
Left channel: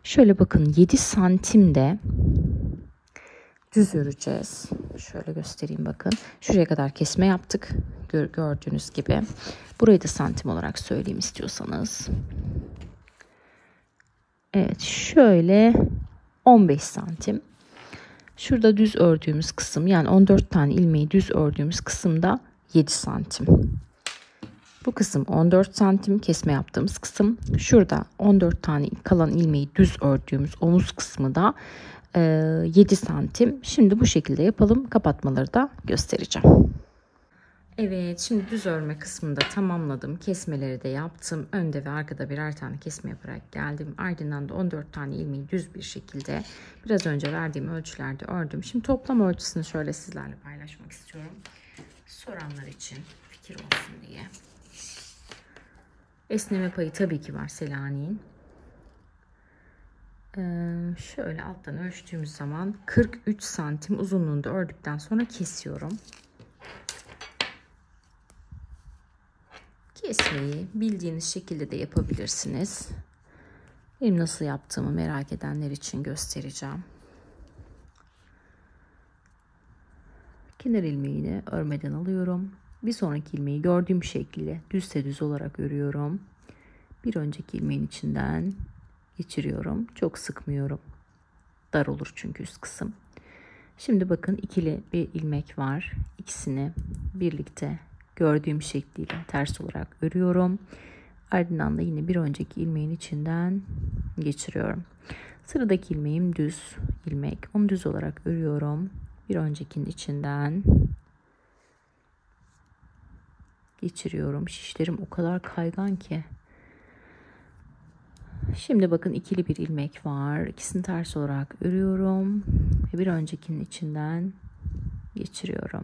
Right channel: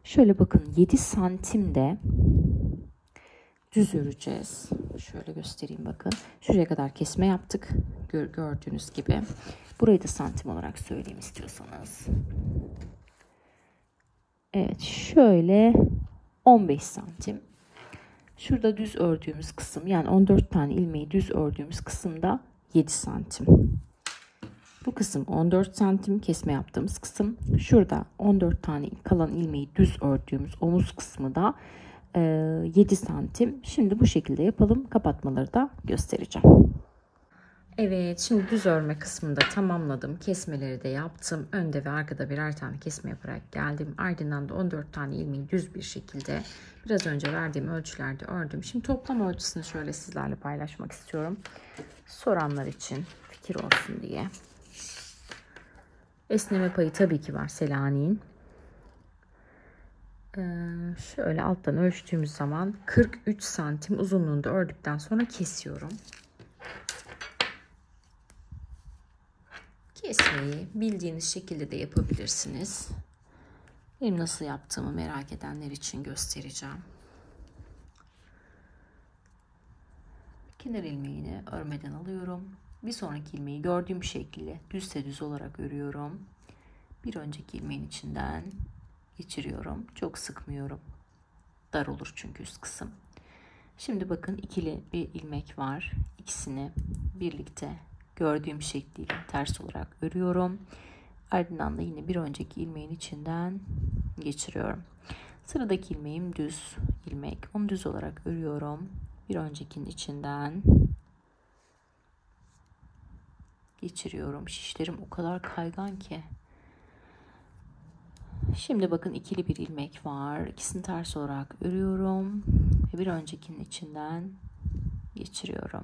Şöyle bakın 7 santimde düz öreceğiz. Şöyle göstereyim bakın. Şuraya kadar kesme yaptık. Gördüğünüz gibi. Burayı da santim olarak söyleyeyim istiyorsanız. Evet, şöyle 15 santim. Şurada düz ördüğümüz kısım, yani 14 tane ilmeği düz ördüğümüz kısımda 7 santim. Bu kısım 14 santim kesme yaptığımız kısım. Şurada 14 tane kalan ilmeği düz ördüğümüz omuz kısmı da 7 santim. Şimdi bu şekilde yapalım. Kapatmaları da göstereceğim. Evet, şimdi düz örme kısmını da tamamladım. Kesmeleri de yaptım. Önde ve arkada birer tane kesme yaparak geldim. Ardından da 14 tane ilmeği düz bir şekilde biraz önce verdiğim ölçülerde ördüm. Şimdi toplam ölçüsünü şöyle sizlerle paylaşmak istiyorum. Soranlar için fikir olsun diye. Esneme payı tabii ki var Selanik'in. Şöyle alttan ölçtüğümüz zaman 43 santim uzunluğunda ördükten sonra kesiyorum. Kesmeyi bildiğiniz şekilde de yapabilirsiniz. Benim nasıl yaptığımı merak edenler için göstereceğim. Kenar ilmeğini örmeden alıyorum. Bir sonraki ilmeği gördüğüm şekilde düzse düz olarak örüyorum. Bir önceki ilmeğin içinden geçiriyorum. Çok sıkmıyorum. Dar olur çünkü üst kısım. Şimdi bakın ikili bir ilmek var. İkisini birlikte gördüğüm şekliyle ters olarak örüyorum. Ardından da yine bir önceki ilmeğin içinden geçiriyorum. Sıradaki ilmeğim düz ilmek. Onu düz olarak örüyorum. Bir öncekinin içinden geçiriyorum. Şişlerim o kadar kaygan ki. Şimdi bakın ikili bir ilmek var. İkisini ters olarak örüyorum. Ve bir öncekinin içinden geçiriyorum.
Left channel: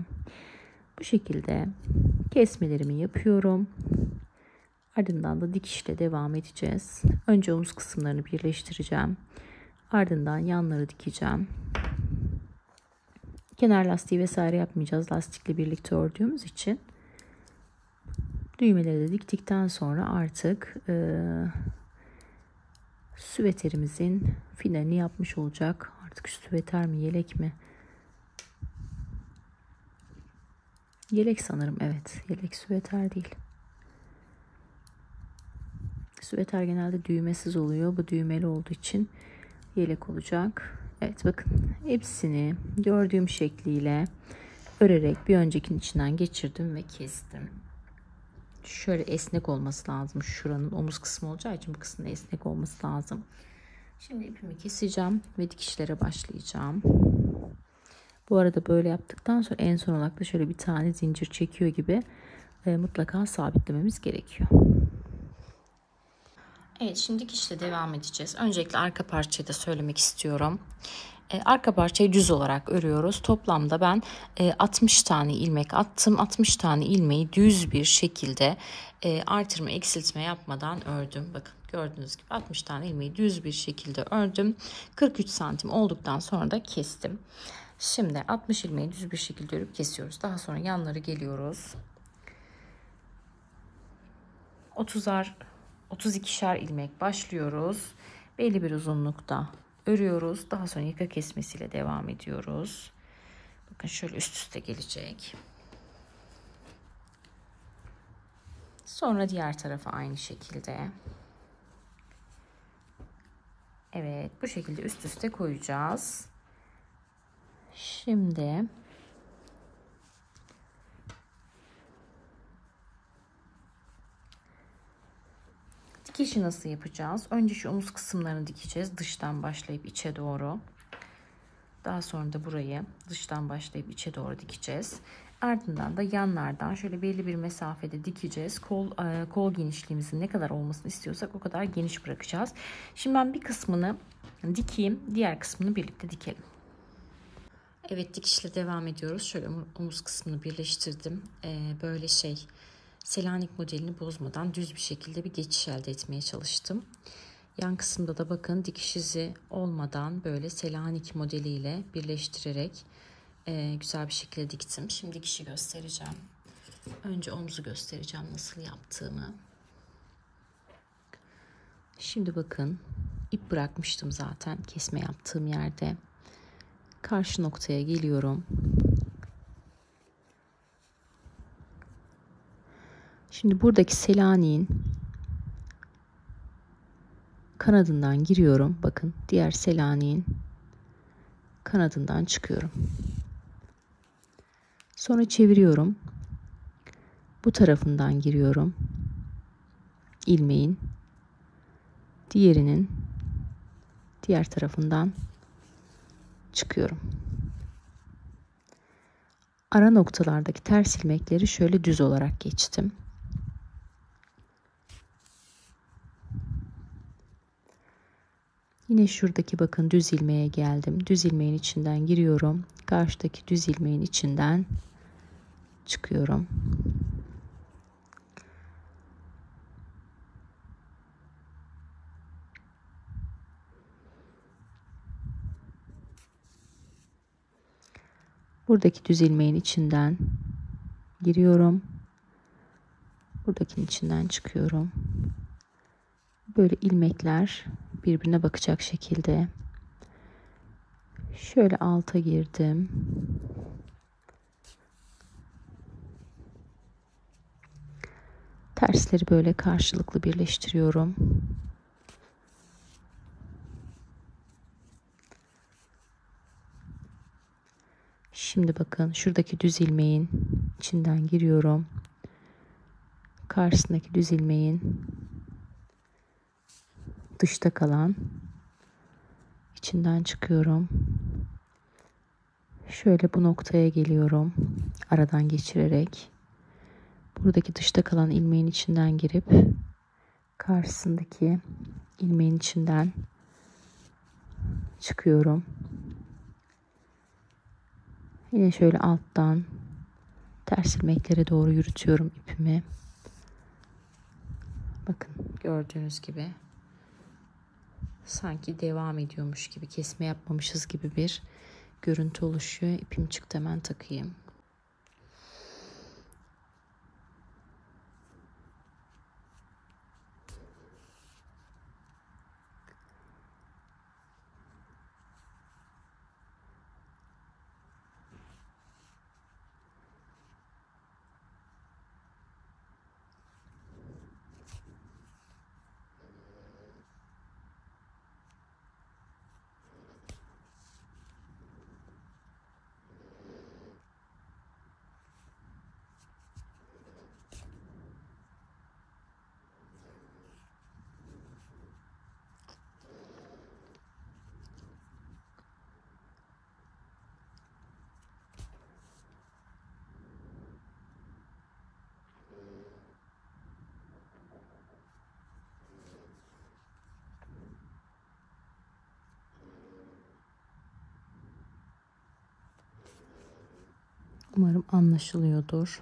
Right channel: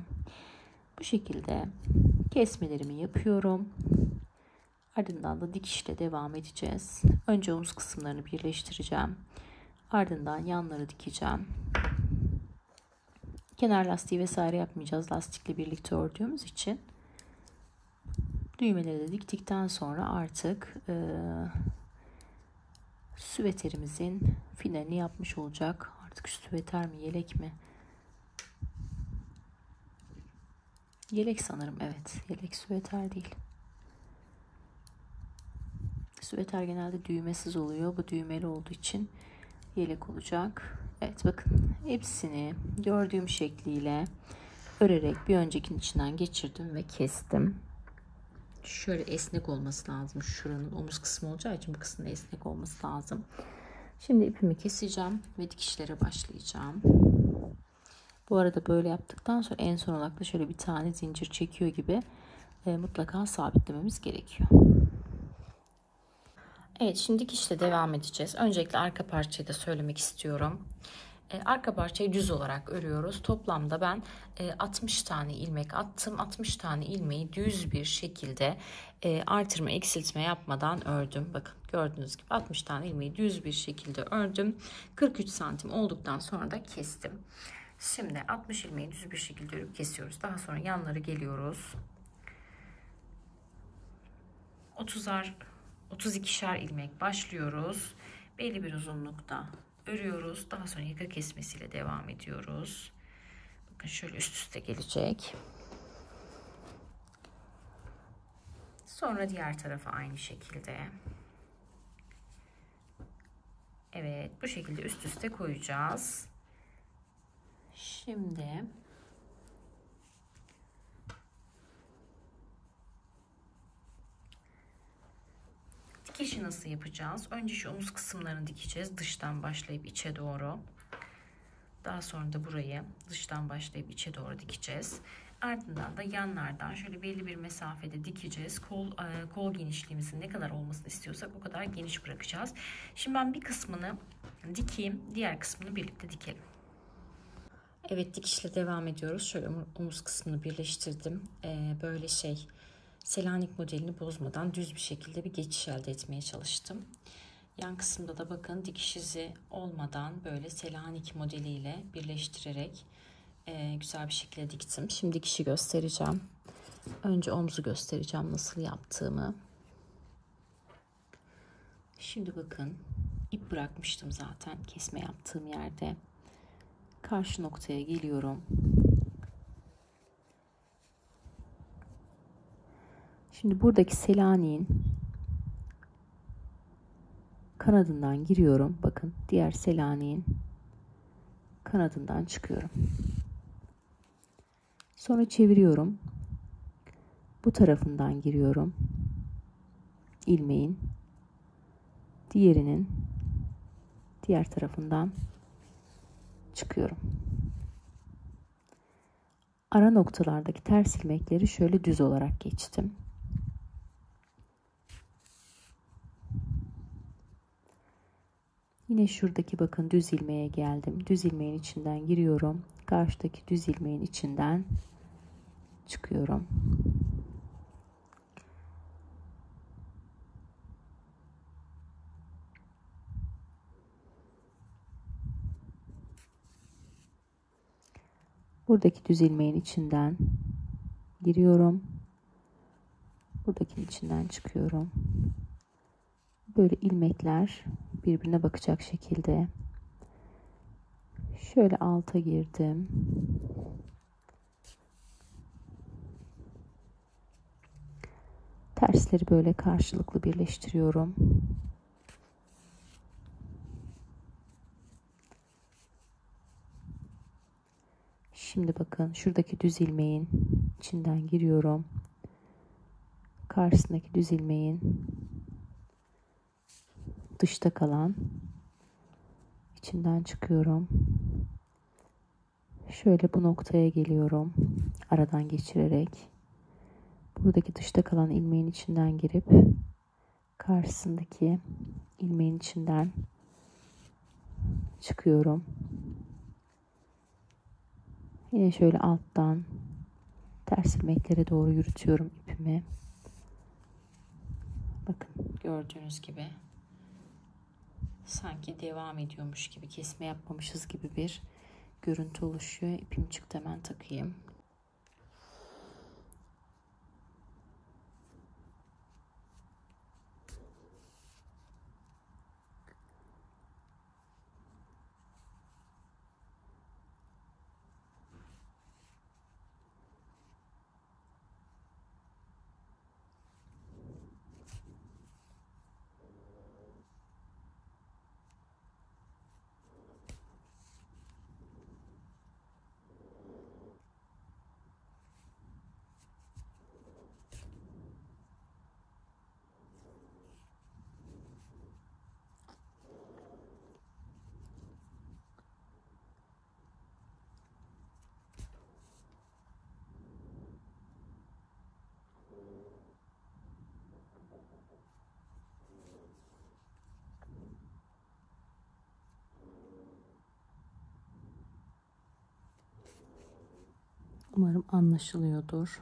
Bu şekilde kesmelerimi yapıyorum. Ardından da dikişle devam edeceğiz. Önce omuz kısımlarını birleştireceğim. Ardından yanları dikeceğim. Kenar lastiği vesaire yapmayacağız. Lastikle birlikte ördüğümüz için. Düğmeleri de diktikten sonra artık süveterimizin finalini yapmış olacak. Artık şu süveter mi, yelek mi? Yelek sanırım, evet. Yelek, süveter değil. Süveter genelde düğmesiz oluyor. Bu düğmeli olduğu için yelek olacak. Evet, bakın hepsini gördüğüm şekliyle örerek bir öncekinin içinden geçirdim ve kestim. Şöyle esnek olması lazım. Şuranın omuz kısmı olacağı için bu kısmın esnek olması lazım. Şimdi ipimi keseceğim ve dikişlere başlayacağım. Bu arada böyle yaptıktan sonra en son olarak da şöyle bir tane zincir çekiyor gibi mutlaka sabitlememiz gerekiyor. Evet, şimdi dikişle devam edeceğiz. Öncelikle arka parçayı da söylemek istiyorum. Arka parçayı düz olarak örüyoruz. Toplamda ben 60 tane ilmek attım. 60 tane ilmeği düz bir şekilde artırma eksiltme yapmadan ördüm. Bakın gördüğünüz gibi 60 tane ilmeği düz bir şekilde ördüm. 43 santim olduktan sonra da kestim. Şimdi 60 ilmeği düz bir şekilde örüp kesiyoruz. Daha sonra yanları geliyoruz. 32'şer ilmek başlıyoruz. Belli bir uzunlukta örüyoruz. Daha sonra yaka kesmesiyle devam ediyoruz. Bakın şöyle üst üste gelecek. Sonra diğer tarafa aynı şekilde. Evet, bu şekilde üst üste koyacağız. Şimdi dikişi nasıl yapacağız? Önce şu omuz kısımlarını dikeceğiz. Dıştan başlayıp içe doğru. Daha sonra da burayı dıştan başlayıp içe doğru dikeceğiz. Ardından da yanlardan şöyle belli bir mesafede dikeceğiz. Kol genişliğimizin ne kadar olmasını istiyorsak o kadar geniş bırakacağız. Şimdi ben bir kısmını dikeyim. Diğer kısmını birlikte dikelim. Evet, dikişle devam ediyoruz. Şöyle omuz kısmını birleştirdim. Böyle Selanik modelini bozmadan düz bir şekilde bir geçiş elde etmeye çalıştım. Yan kısımda da bakın dikiş izi olmadan böyle Selanik modeliyle birleştirerek güzel bir şekilde diktim. Şimdi dikişi göstereceğim. Önce omzu göstereceğim nasıl yaptığımı. Şimdi bakın ip bırakmıştım zaten kesme yaptığım yerde. Karşı noktaya geliyorum. Şimdi buradaki Selanik'in kanadından giriyorum. Bakın diğer Selanik'in kanadından çıkıyorum. Sonra çeviriyorum. Bu tarafından giriyorum. İlmeğin diğerinin diğer tarafından çıkıyorum. Ara noktalardaki ters ilmekleri şöyle düz olarak geçtim. Yine şuradaki bakın düz ilmeğe geldim. Düz ilmeğin içinden giriyorum. Karşıdaki düz ilmeğin içinden çıkıyorum. Buradaki düz ilmeğin içinden giriyorum. Buradakinin içinden çıkıyorum. Böyle ilmekler birbirine bakacak şekilde. Şöyle alta girdim. Tersleri böyle karşılıklı birleştiriyorum. Şimdi bakın şuradaki düz ilmeğin içinden giriyorum. Karşısındaki düz ilmeğin dışta kalan içinden çıkıyorum. Şöyle bu noktaya geliyorum. Aradan geçirerek. Buradaki dışta kalan ilmeğin içinden girip karşısındaki ilmeğin içinden çıkıyorum. Yine şöyle alttan ters ilmeklere doğru yürütüyorum ipimi. Bakın gördüğünüz gibi sanki devam ediyormuş gibi, kesme yapmamışız gibi bir görüntü oluşuyor. İpim çıktı, hemen takayım. Umarım anlaşılıyordur.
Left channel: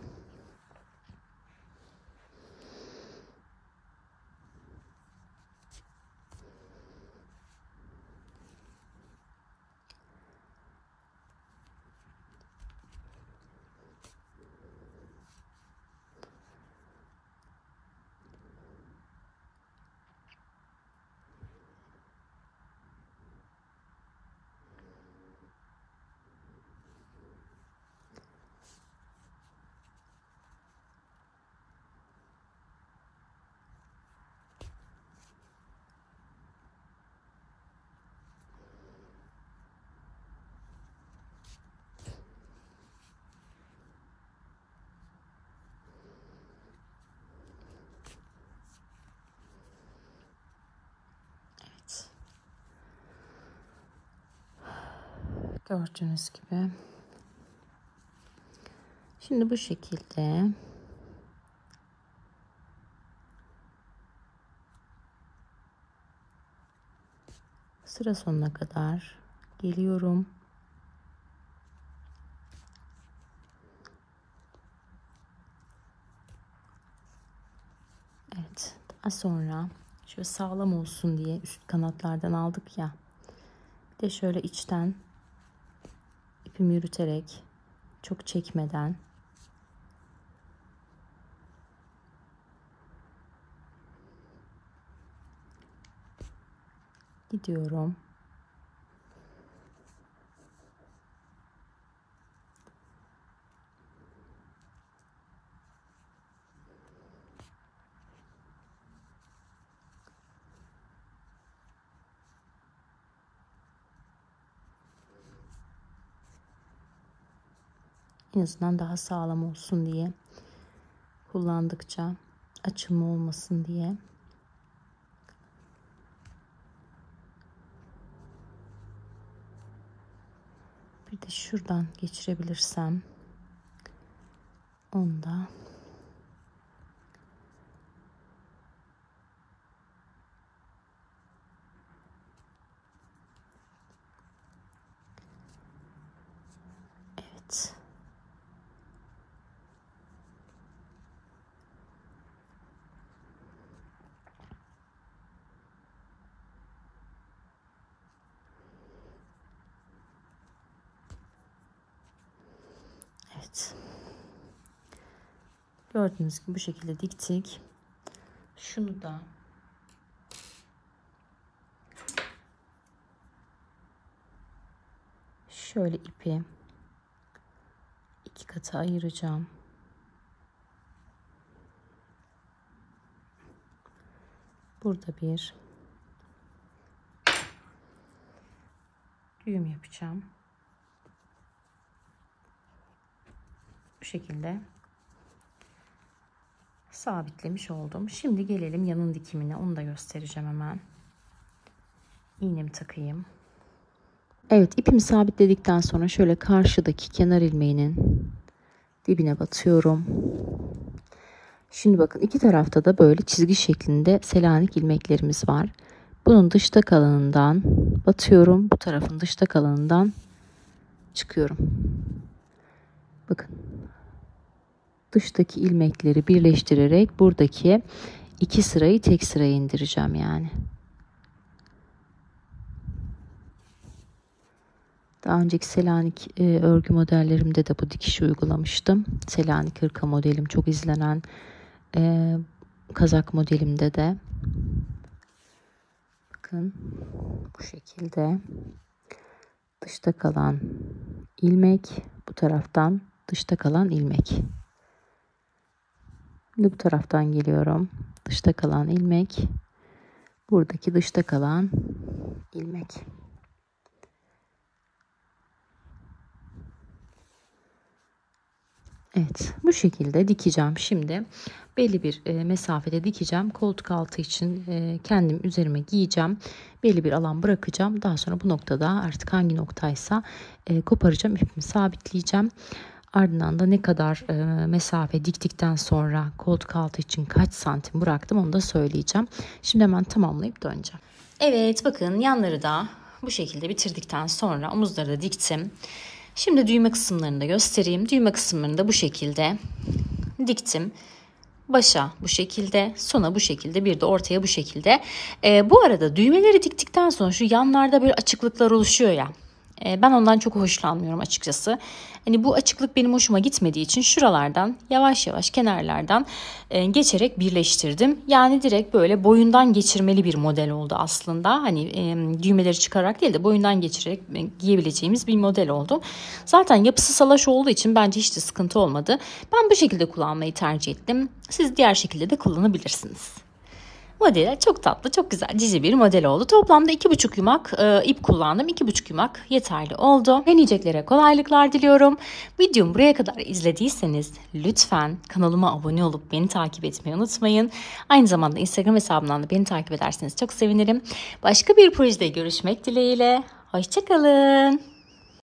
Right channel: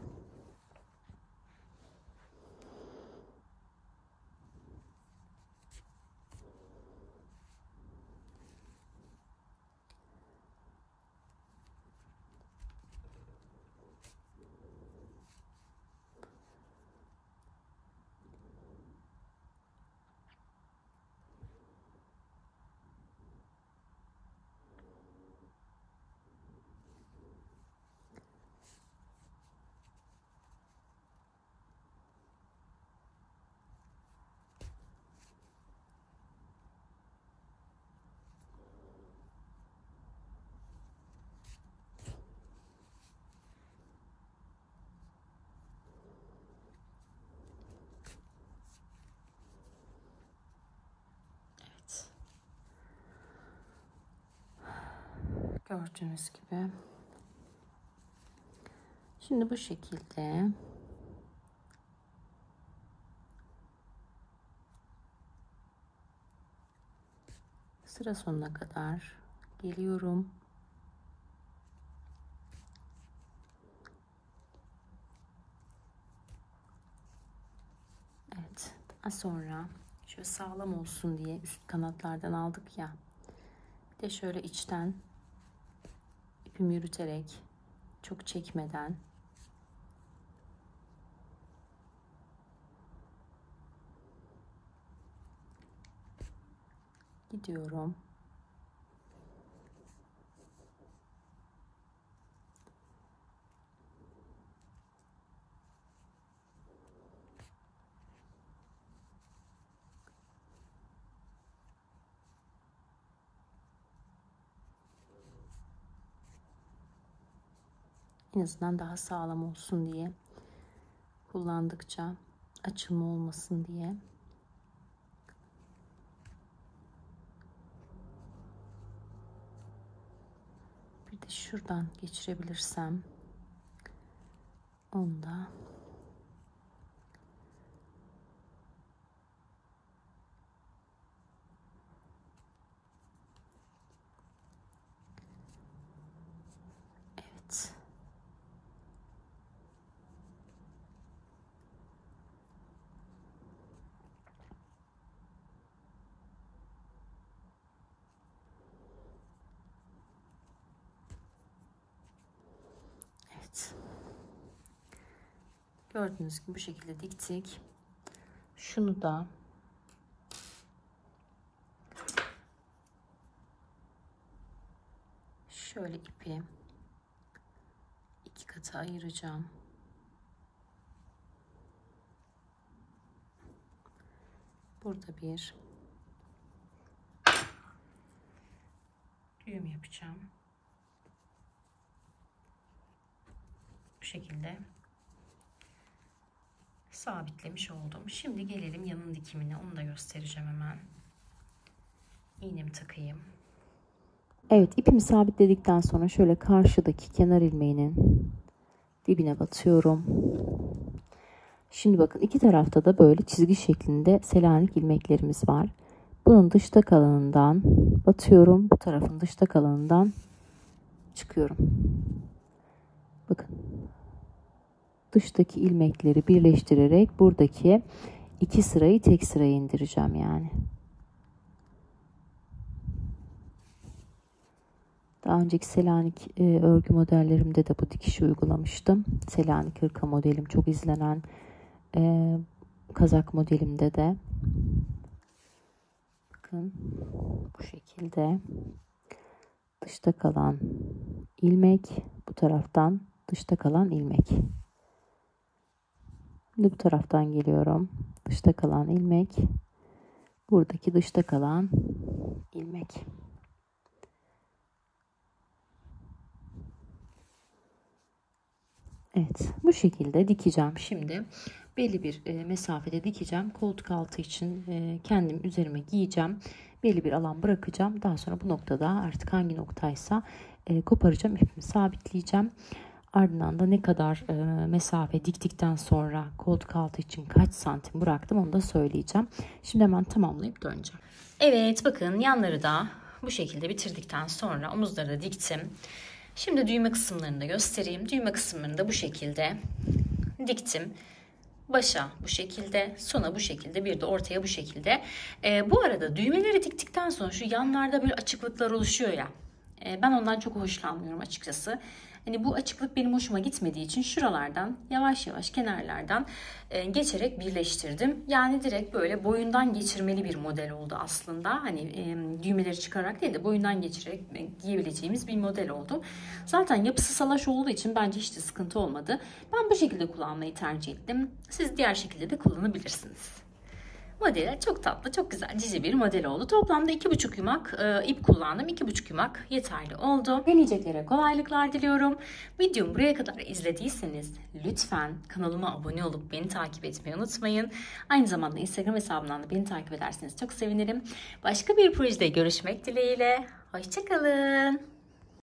Gördüğünüz gibi. Şimdi bu şekilde sıra sonuna kadar geliyorum. Evet, daha sonra şöyle sağlam olsun diye üst kanatlardan aldık ya. Bir de şöyle içten ipimi yürüterek, çok çekmeden gidiyorum. En azından daha sağlam olsun diye, kullandıkça açılma olmasın diye. Bir de şuradan geçirebilirsem onu da evet. Evet. Gördüğünüz gibi bu şekilde diktik. Şunu da şöyle ipi iki kata ayıracağım. Burada bir düğüm yapacağım. Bu şekilde sabitlemiş oldum. Şimdi gelelim yanın dikimine. Onu da göstereceğim hemen. İğnemi takayım. Evet, ipimi sabitledikten sonra şöyle karşıdaki kenar ilmeğinin dibine batıyorum. Şimdi bakın, iki tarafta da böyle çizgi şeklinde Selanik ilmeklerimiz var. Bunun dışta kalanından batıyorum. Bu tarafın dışta kalanından çıkıyorum. Bakın. Dıştaki ilmekleri birleştirerek buradaki iki sırayı tek sıraya indireceğim yani. Daha önceki Selanik örgü modellerimde de bu dikişi uygulamıştım. Selanik hırka modelim çok izlenen, kazak modelimde de. Bakın bu şekilde dışta kalan ilmek, bu taraftan dışta kalan ilmek. Şimdi bu taraftan geliyorum. Dışta kalan ilmek, buradaki dışta kalan ilmek. Evet, bu şekilde dikeceğim. Şimdi belli bir mesafede dikeceğim. Koltuk altı için kendim üzerime giyeceğim. Belli bir alan bırakacağım. Daha sonra bu noktada artık hangi noktaysa koparacağım. İpimi sabitleyeceğim. Ardından da ne kadar mesafe diktikten sonra koltuk altı için kaç santim bıraktım onu da söyleyeceğim. Şimdi hemen tamamlayıp döneceğim. Evet, bakın yanları da bu şekilde bitirdikten sonra omuzları da diktim. Şimdi düğme kısımlarını da göstereyim. Düğme kısımlarını da bu şekilde diktim. Başa bu şekilde, sona bu şekilde, bir de ortaya bu şekilde. Bu arada düğmeleri diktikten sonra şu yanlarda böyle açıklıklar oluşuyor ya. Ben ondan çok hoşlanmıyorum açıkçası. Hani bu açıklık benim hoşuma gitmediği için şuralardan yavaş yavaş kenarlardan geçerek birleştirdim. Yani direkt böyle boyundan geçirmeli bir model oldu aslında. Hani düğmeleri çıkararak değil de boyundan geçirerek giyebileceğimiz bir model oldu. Zaten yapısı salaş olduğu için bence hiç de sıkıntı olmadı. Ben bu şekilde kullanmayı tercih ettim. Siz diğer şekilde de kullanabilirsiniz. Model çok tatlı, çok güzel, cici bir model oldu. Toplamda 2,5 yumak ip kullandım. 2,5 yumak yeterli oldu. Deneyeceklere kolaylıklar diliyorum. Videomu buraya kadar izlediyseniz lütfen kanalıma abone olup beni takip etmeyi unutmayın. Aynı zamanda Instagram hesabımdan da beni takip ederseniz çok sevinirim. Başka bir projede görüşmek dileğiyle. Hoşça kalın.